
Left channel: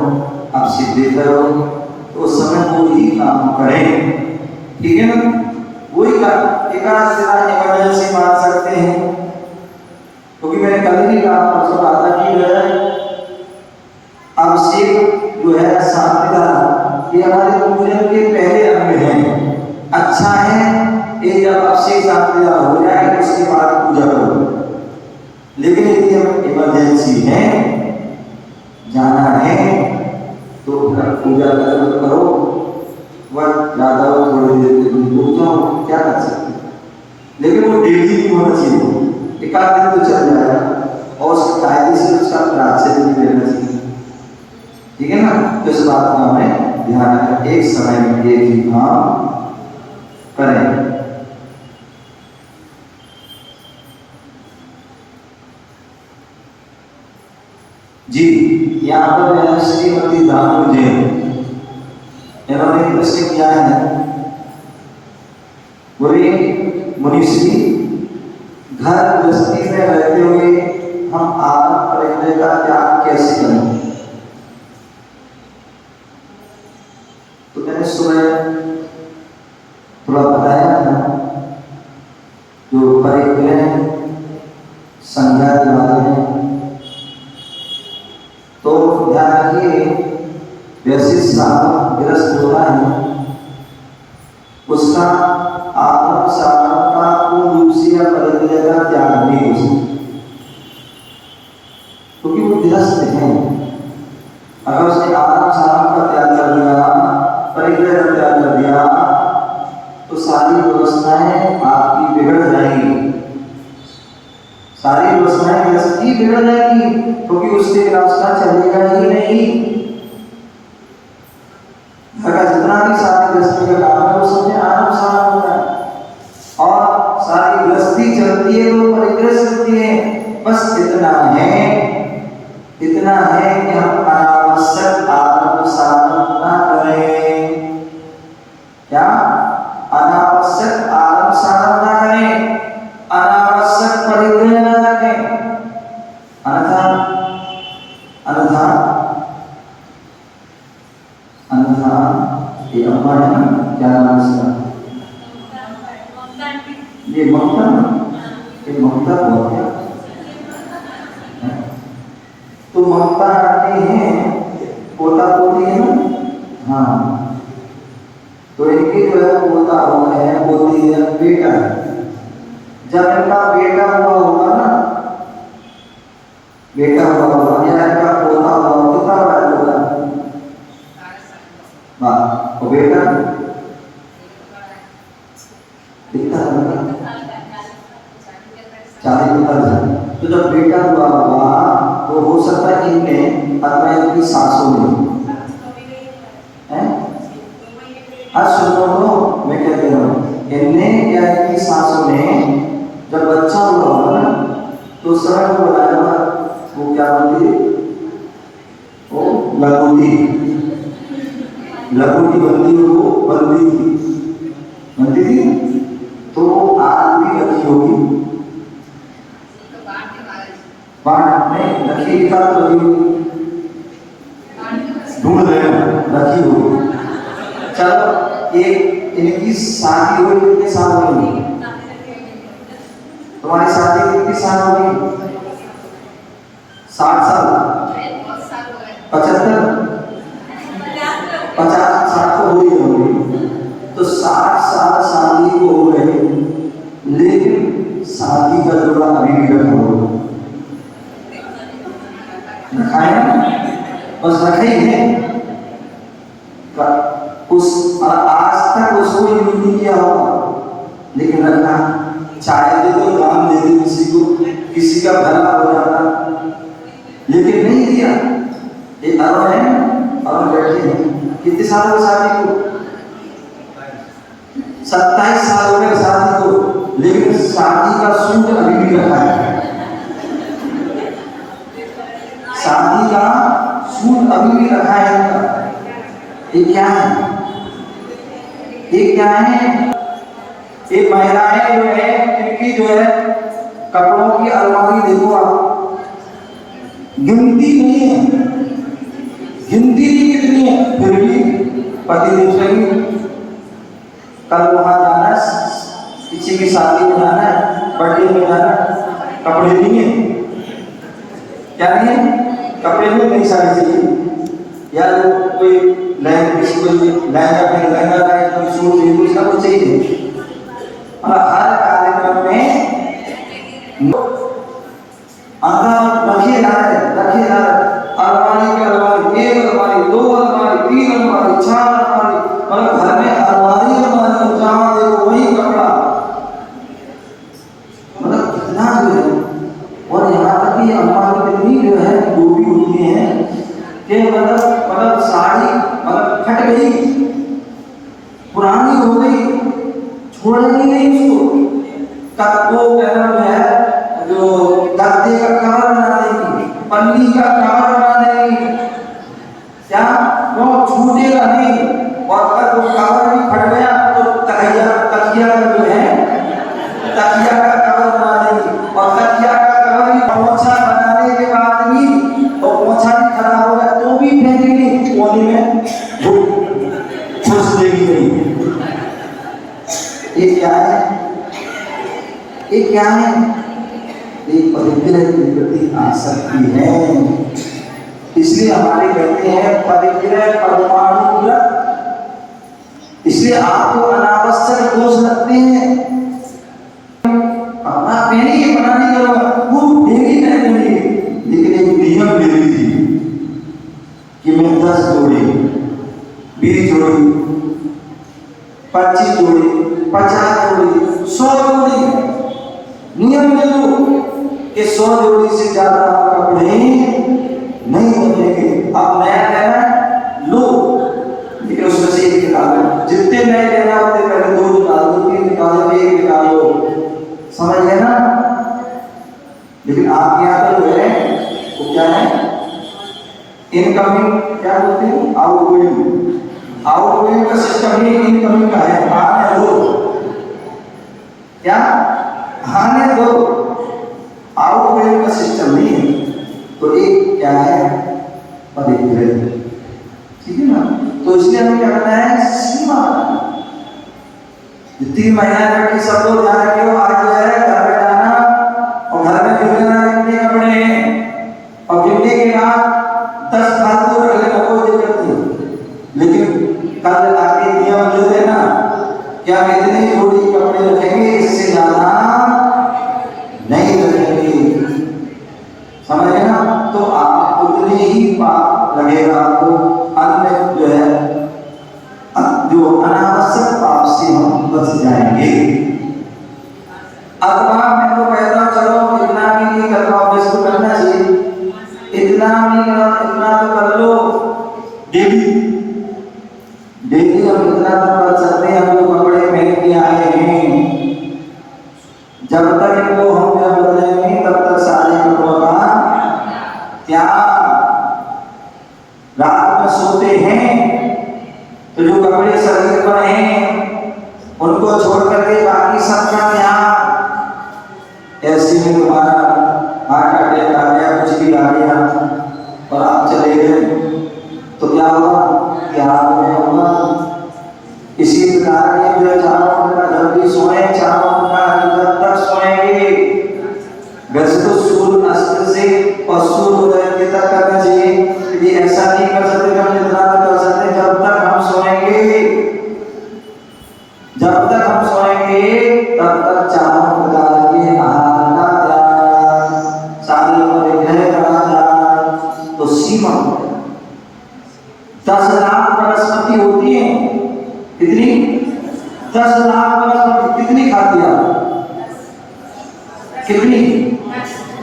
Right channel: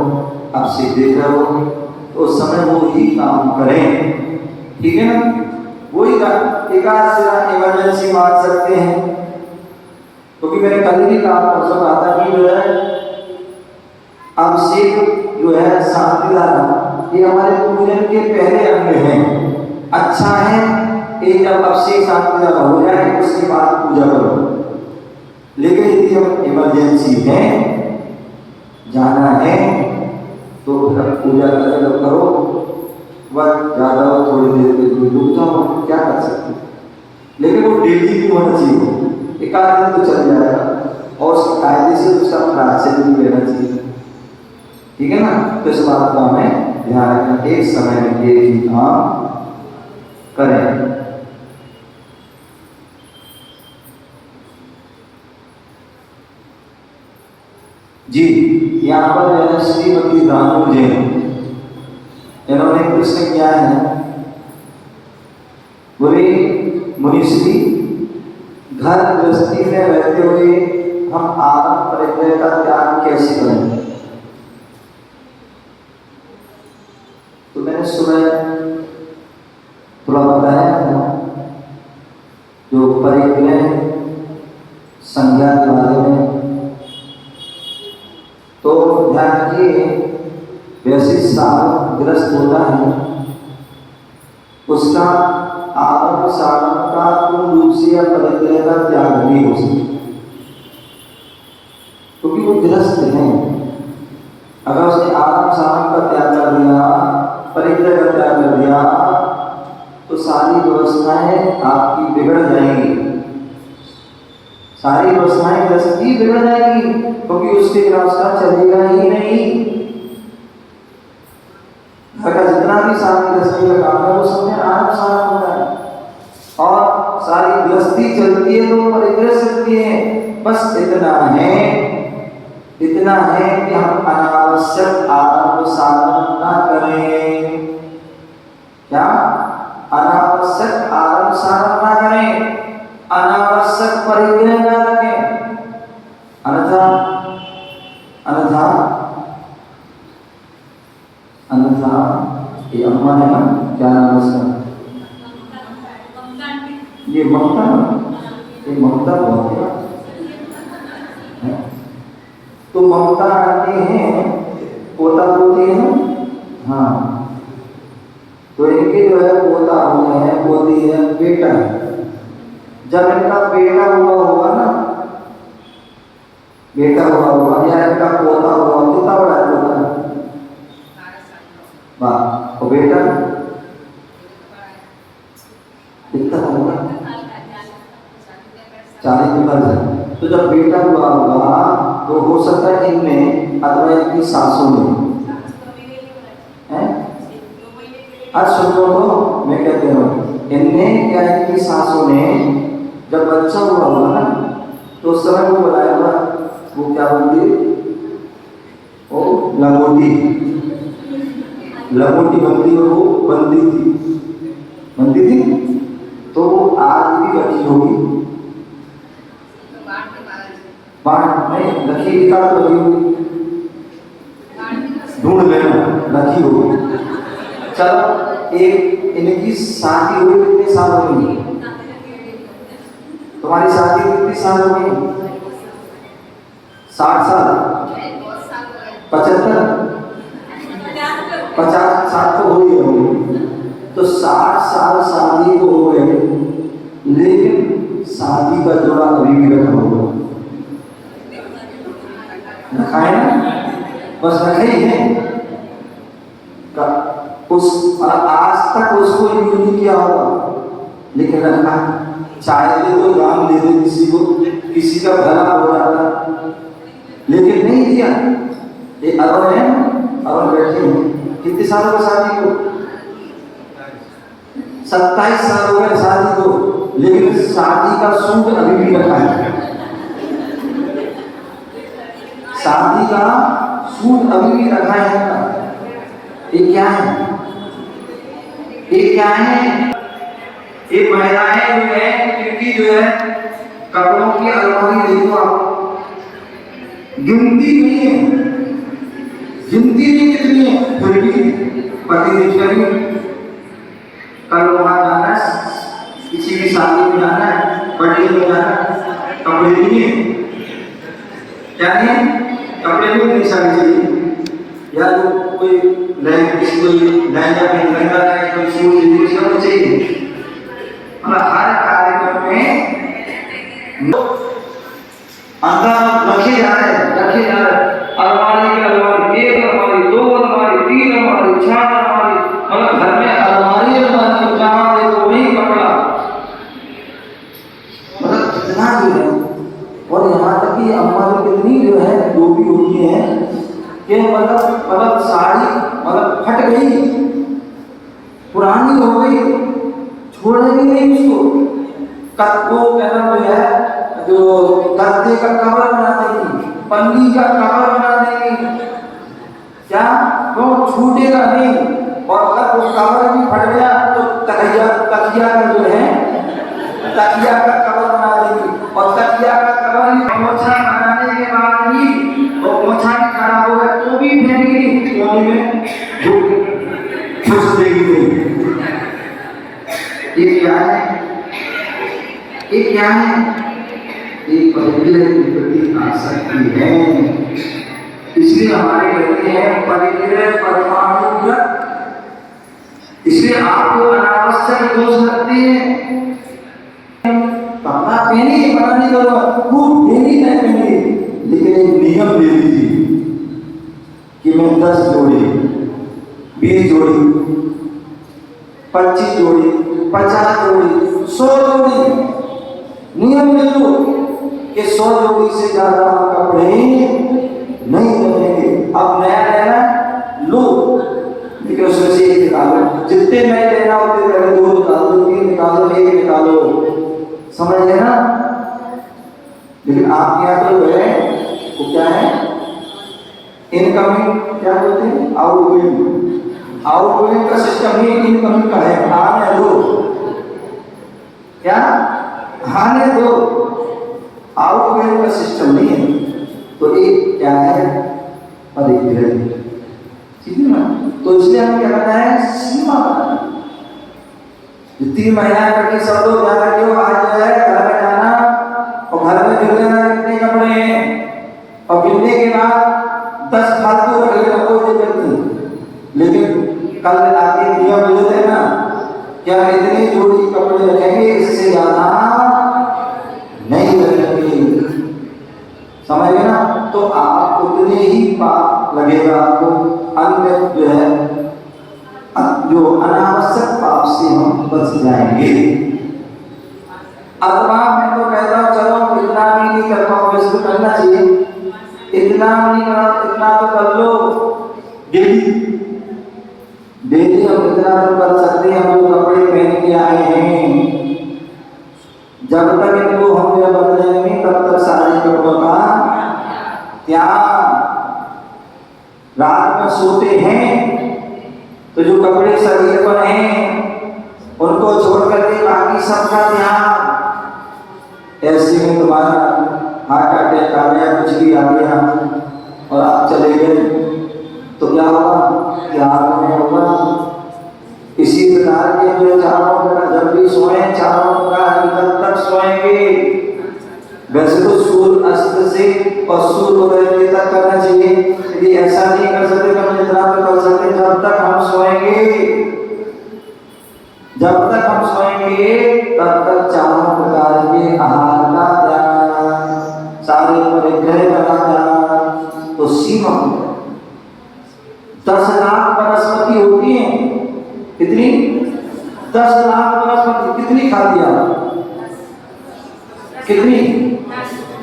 आप सीधे करो, उस समय वो ही काम करें, ठीक है ना। वही का एकाध सेवा इमरजेंसी मान सकते हैं, क्योंकि मैंने कल ही कहा परसों कहा था कि जो है अभिषेक जो है शांति धारा ये हमारे पूजन के पहले अंग हैं। अच्छा है ये जब अभिषेक शांति धारा हो जाए उसके बाद पूजा करो, लेकिन यदि हम इमरजेंसी है जाना है तो पूजा करो, वक्त ज्यादा हो थोड़ी देर के लिए रुक जाओ, क्या कर सकते हैं, लेकिन वो डेली नहीं होना चाहिए, एक आध दिन तो चल जाएगा और उसके कायदे से उसका प्राचीन भी लेना चाहिए, ठीक है ना। तो इस बात का हमें ध्यान रखना, एक समय में एक ही काम करें। जी, यहाँ पर है ना श्रीमती दामू जी, इन्होंने प्रश्न किया है, बोले मुनिश्री घर गृहस्थी में रहते हुए हम आराम परिग्रह का त्याग कैसे करें। तो मैंने सुना थोड़ा बताया था जो परिग्रह संज्ञा के बारे में, तो ध्यान रखिए वैसे साधन ग्रस्त होता है उसका आत्म साधन का पूर्ण रूप से या परिग्रह का त्याग नहीं हो सकता, क्योंकि वो ग्रस्त है। अगर उसने आत्म साधन का त्याग कर दिया, परिग्रह का त्याग कर दिया, तो सारी व्यवस्थाएं आपकी बिगड़ जाएंगी, सारी व्यवस्थाएं ग्रस्त की बिगड़ जाएंगी, क्योंकि उसके रास्ता चलेगा ही नहीं। जितना भी सारी गृहस्थी का काम है वो सब में आराम सारा होता है, और सारी गृहस्थी चलती है तो परिग्रह सकती है। बस इतना है कि हम अनावश्यक आत्म साधन ना करें। क्या? अनावश्यक आत्म साधन ना करें, अनावश्यक परिग्रह न रखें। अन्यथा ये अम्मा है ना, क्या नाम है ये ममता, ये ममता बहुत है। तो ममता आती है, पोता पोती है ना, हाँ, तो इनके जो है पोता हुआ है, पोती है, बेटा है। जब इनका बेटा हुआ होगा ना, बेटा हुआ होगा या इनका पोता हुआ, कितना बड़ा होगा? वाह, वो बेटा कितना होगा? 40 तो जब बेटा हुआ होगा तो हो सकता है इनमें अथवा इनकी सासों में है। आज सुनो तो मैं क्या कह रहा हूँ, इनने क्या इनकी सासों ने जब बच्चा हुआ होगा ना तो समय को बताया होगा, वो क्या बोलती, वो लंगोटी बनती, वो बनती थी, तो आज भी रखी होगी, बाट में रखी का तो ढूंढ लेना, रखी होगी। चलो एक इनकी शादी हुई कितने साल हो गई? तुम्हारी शादी कितनी साल हो गई? 60 साल, 75, 50-60 तो हो ही होगी। तो 60 साल शादी को हो गए, लेकिन शादी का जोड़ा अभी भी रखा होगा, रखा है ना, बस रखा ही है। उस आज तक उसको यूज नहीं किया होगा, लेकिन रखा, चाहे तो दान दे दे किसी को, किसी का भला हो जाता, लेकिन नहीं दिया। ये अरब है, और बैठे हैं, कितने साल की शादी को? 27 साल हो गए शादी को, लेकिन शादी का सूट अभी भी रखा है, शादी का सूट अभी भी रखा है इनका। ये क्या है? ये क्या है? एक महिलाएं जो है, इनकी जो है कपड़ों की अलमारी देखो आप, गिनती नहीं है, गिनती नहीं कितनी है, फिर भी पति देव कल वहां जाना है, किसी की शादी में जाना है, बर्थडे में जाना है, कपड़े नहीं है, क्या नहीं है? कपड़े नहीं साड़ी चाहिए, या जो कोई नए किसी को लहंगा लाए, कोई सूट ले, सब चाहिए। और हर कार्यक्रम में रखे जा रहे, अलमारी की अलमारी, 1 अलमारी, 2 अलमारी, 3 अलमारी, 4 अलमारी, मतलब घर में अलमारी जहाँ देखो वही कपड़ा। इतना जो है, और यहाँ तक कि हमारी कितनी जो है डूबी हुई है कि मतलब साड़ी मतलब फट गई, पुरानी हो गई, छोड़ेगी नहीं उसको, वो कहना जो है जो गद्दे का कवर बना देगी, पन्नी का कवर बना देगी, क्या वो छूटेगा नहीं। और अगर वो कवर भी फट गया तो तकिया का जो है तकिया का कवर बना देगी, और तकिया का कवर भी पोछा बनाने के बाद भी, और पोछा भी खराब हो गया तो भी फेंकेगी कोने में, छुप देगी नहीं। ये क्या है? ये क्या है? ये पवित्र के प्रति आसक्ति है। इसलिए हमारे कहते हैं परिग्रह परमाणुगत, इसलिए आपको अनावश्यक दोष लगते हैं। कपड़ा पहनिए, बना नहीं करूँगा, वो डेली पहनेंगे, लेकिन एक नियम ले लीजिए कि मैं 10 जोड़ी, 20 जोड़ी, 25 जोड़ी, 50 जोड़ी, 100 जोड़ी नियम ले लो कि 100 जोड़ी से ज्यादा कपड़े नहीं बनेंगे। अब नया लेना लो, लेकिन उसमें से एक निकालो, जितने नए लेना उतने पहले 2 निकाल दो, 3 निकालो, 1 निकालो, समझ लेना। लेकिन आपके यहाँ तो है वो क्या है, इनकमिंग क्या बोलते हैं, आउटगोइंग का सिस्टम ही इनकमिंग का है। आने दो, क्या आने दो, आउटगोइंग का सिस्टम नहीं है। तो एक क्या है, परिग्रह, ठीक है ना। तो इसलिए हमें क्या करना है, सीमा बनाना। जितनी महिलाएं बैठी सब लोग ध्यान रखियो, आज जो है घर में जाना और घर में गिरने कितने कपड़े हैं, और गिरने के बाद 10 फालतू रख लेना, कोई दिक्कत नहीं। लेकिन कल आगे नियम लेते ना, क्या इतनी जोड़ी कपड़े रखेंगे, इससे ज्यादा नहीं रखेंगे, समझ ना। तो आप उतने ही पाप लगेगा आपको, अन्य जो है जो अनावश्यक पाप से हम बच जाएंगे। अथवा मैं तो कहता हूँ चलो इतना भी नहीं कर पाओगे, इसको करना चाहिए, इतना नहीं कर, इतना तो कर लो डेली हम इतना तो कर सकते हैं। हम जो कपड़े पहन के आए हैं, जब तक इनको हम बदलेंगे तब तक सारे कपड़ों का त्याग। रात में सोते हैं तो जो कपड़े शरीर पर हैं उनको छोड़ करके बाकी सबका त्याग। ऐसे में तुम्हारा हार्ट अटैक आ गया, कुछ भी आ गया और आप चले गए तो क्या होगा, त्याग में होगा। इसी प्रकार के जो चारों का जब भी सोए, चारों का जब तक सोएंगे, वैसे तो सूर्य अस्त से और सूर्योदय तक करना चाहिए, यदि ऐसा नहीं कर सकते तो हम इतना तो कर सकते, जब तक हम सोएंगे तब तक चारों प्रकार के आहार का त्याग, सारे परिग्रह का त्याग। तो सीमा 10 लाख वनस्पति होती है, कितनी 10 लाख वनस्पति, कितनी खाती आप, कितनी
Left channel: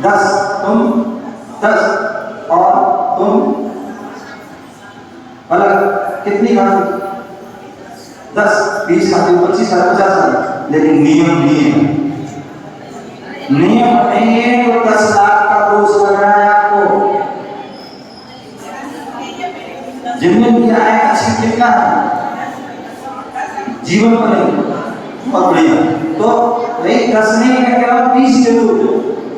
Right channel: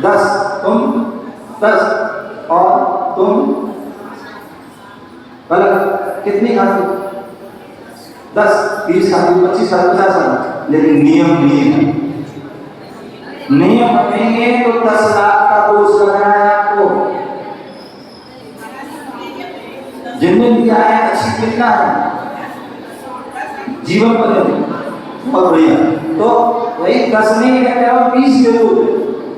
10, तुम 10 और तुम अलग कितनी खाती, 10, 20 खाती, 25 खाती, 50 खाती। लेकिन नियम नहीं है, नियम नहीं है तो 10 लाख का दोष लगाना है आपको। जिनने दिया है अच्छी लिखना है, जीवन पर बहुत बढ़िया। तो वही 10 नहीं है, क्या 20 दे दो,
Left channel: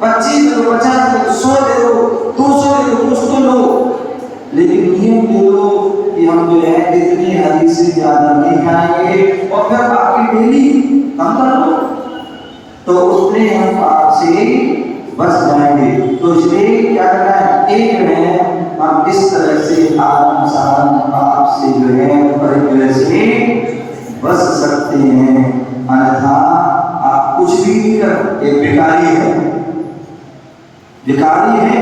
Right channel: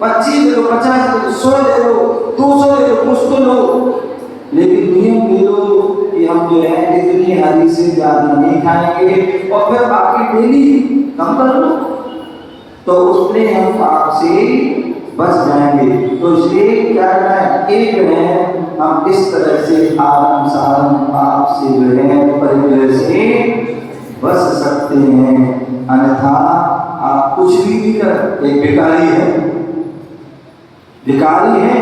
25 दे दो, 50 दे दो, 100 दे दो, 200 दे दो, कुछ तो लो, लेकिन नियम दे दो कि हम जो है इतनी हरी से ज्यादा नहीं खाएंगे, और फिर बाकी डेली काम कर लो, तो उसमें हम आपसे बच जाएंगे। तो इसलिए क्या करना है, एक है हम इस तरह से आराम साराम आपसे जो है परिग्रह से बच सकते हैं। अन्यथा आप कुछ भी नहीं कर, एक भिखारी है,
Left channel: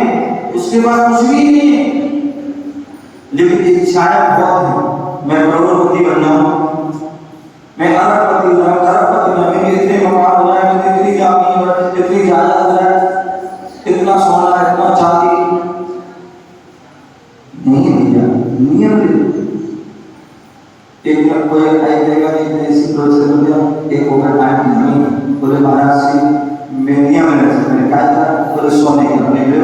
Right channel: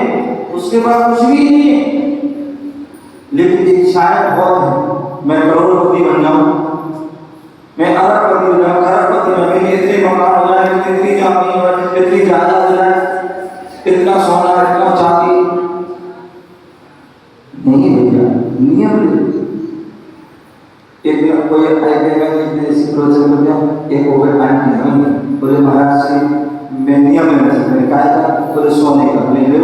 उसके पास कुछ भी नहीं है, लेकिन इच्छाएं बहुत है, मैं करोड़पति बन जाऊं, मैं अरबपति हो जाऊं, खरबपति हो जाऊं, इतने मकान हो जाए, इतनी जमीन हो, इतनी जायदाद हो जाए, नियमित एक दिन कोई आएगा इस प्रोजेक्ट में एक ओवर टाइम की जमीन बोले महाराज जी मैं नियम में मैंने कहा था बोले सोने का मैं ले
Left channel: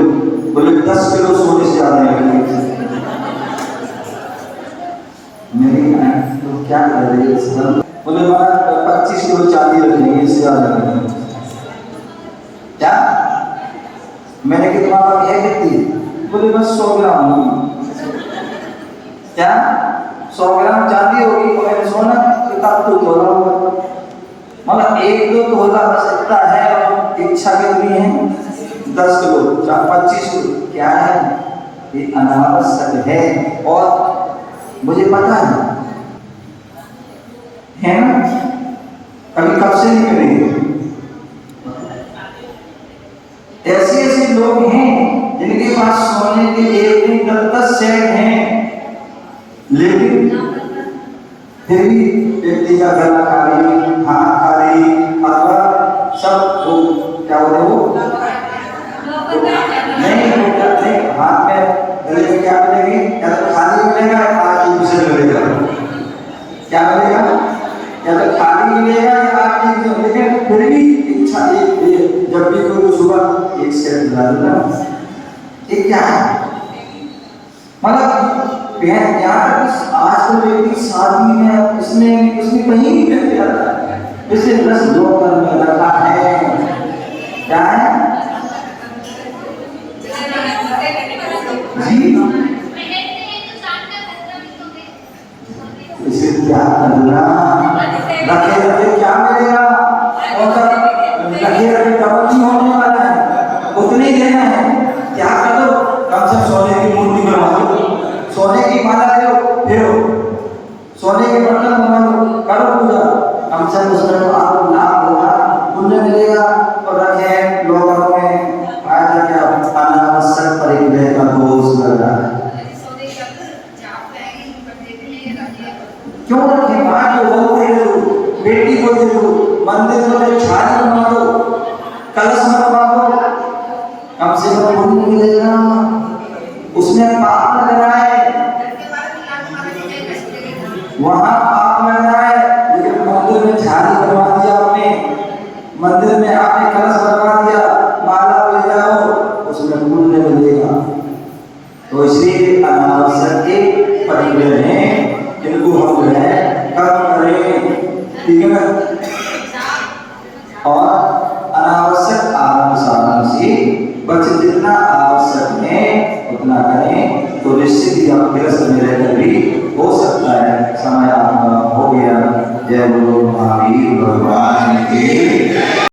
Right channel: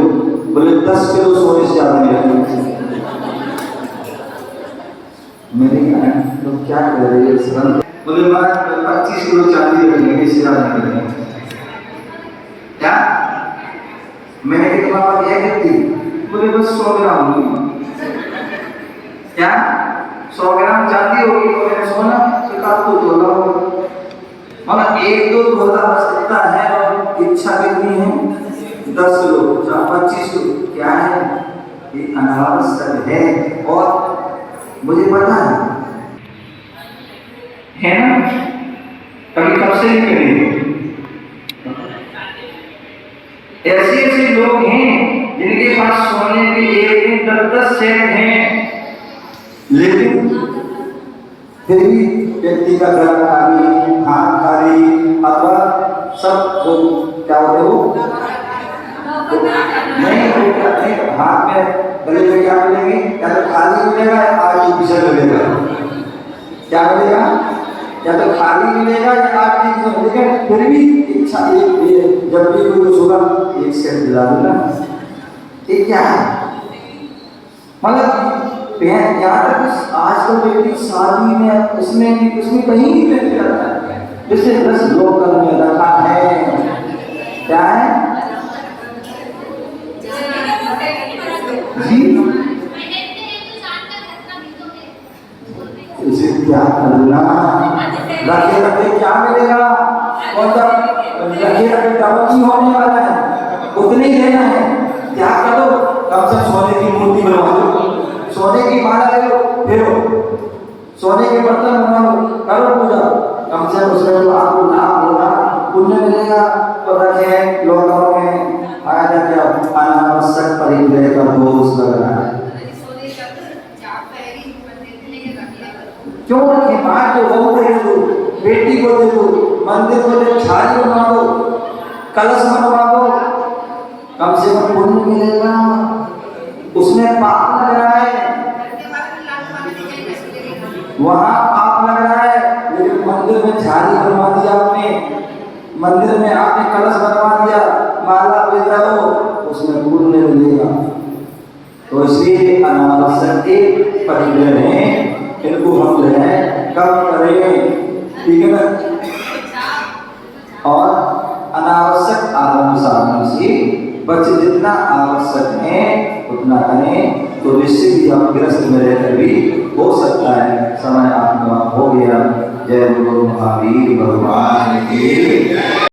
बोले 10 किलो सोने से ज्यादा नहीं लगे मेरी तो क्या कर रही है सर बोले महाराज 25 किलो चांदी रखेंगे इससे ज्यादा नहीं रखेंगे क्या मैंने कितना है कितनी बोले बस 100 ग्राम क्या 100 ग्राम चांदी होगी तो मैंने सोना किताब तो तोला होगा मतलब 1-2 तोला बस इतना है और इच्छा कितनी है 10 किलो 25 किलो क्या है ये अनावश्यक है और मुझे पता है ना कभी कब से नहीं करेंगे ऐसे लोग हैं जिनके पास सोने के एक 10 सेट हैं लेकिन फिर भी व्यक्ति का घर खाली हाथ खाली अथवा सब वो क्या होते वो नहीं हाथ में गले में क्या मिलेगी या तो खाली मिलेगा या आर्टिफिशियल मिलेगा क्या मिलेगा या तो खाली मिलेगा या आर्टिफिशियल लेकिन फिर भी इच्छा एक जब भी कोई सुबह एक सेट दिला देना ये क्या है मतलब यहाँ तक आजकल व्यक्ति शादी में उसमें कहीं भी व्यक्ति रहता है जैसे 10 लोग में रखा है क्या है जी इसे क्या करना रखे रखे क्या मिलेगा और जब रखे रखे डबल ही होने वाला है उतने देना है क्या करो कम से सोने की मूर्ति बनवा दो सोने की माला ले लो फेरो सोने के बर्तन बना लो करो पूजा कम से कम उसमें आपको लाभ होगा पुण्य मिलेगा तो रखे लोगों में फायदा क्या अनावश्यक परिग्रह का दोष लग रहा है क्यों रखे माँ को बहू को दे दो बेटी को दे दो मंदिर में छाली बना दो कलश बनवा दो कम से कम पुण्य मिलेगा उसमें पाप लग रहा है वहां पाप लग रहा है लेकिन मंदिर में झाड़ी बनवा दिया आपने मंदिर में आपने कलश बनवा दिया माला ले जाओ उसमें पुण्य मिलेगा तो इसलिए अनावश्यक परिग्रह हैं इनको हम जो है कम करें ठीक है और अनावश्यक आरंभ साधन से बच्चे जितना आवश्यक है उतना करें तो निश्चित ही आप ग्रस्त में रहकर भी हो सकता है समय आपका हो गया जय गुरु महावीर भगवान की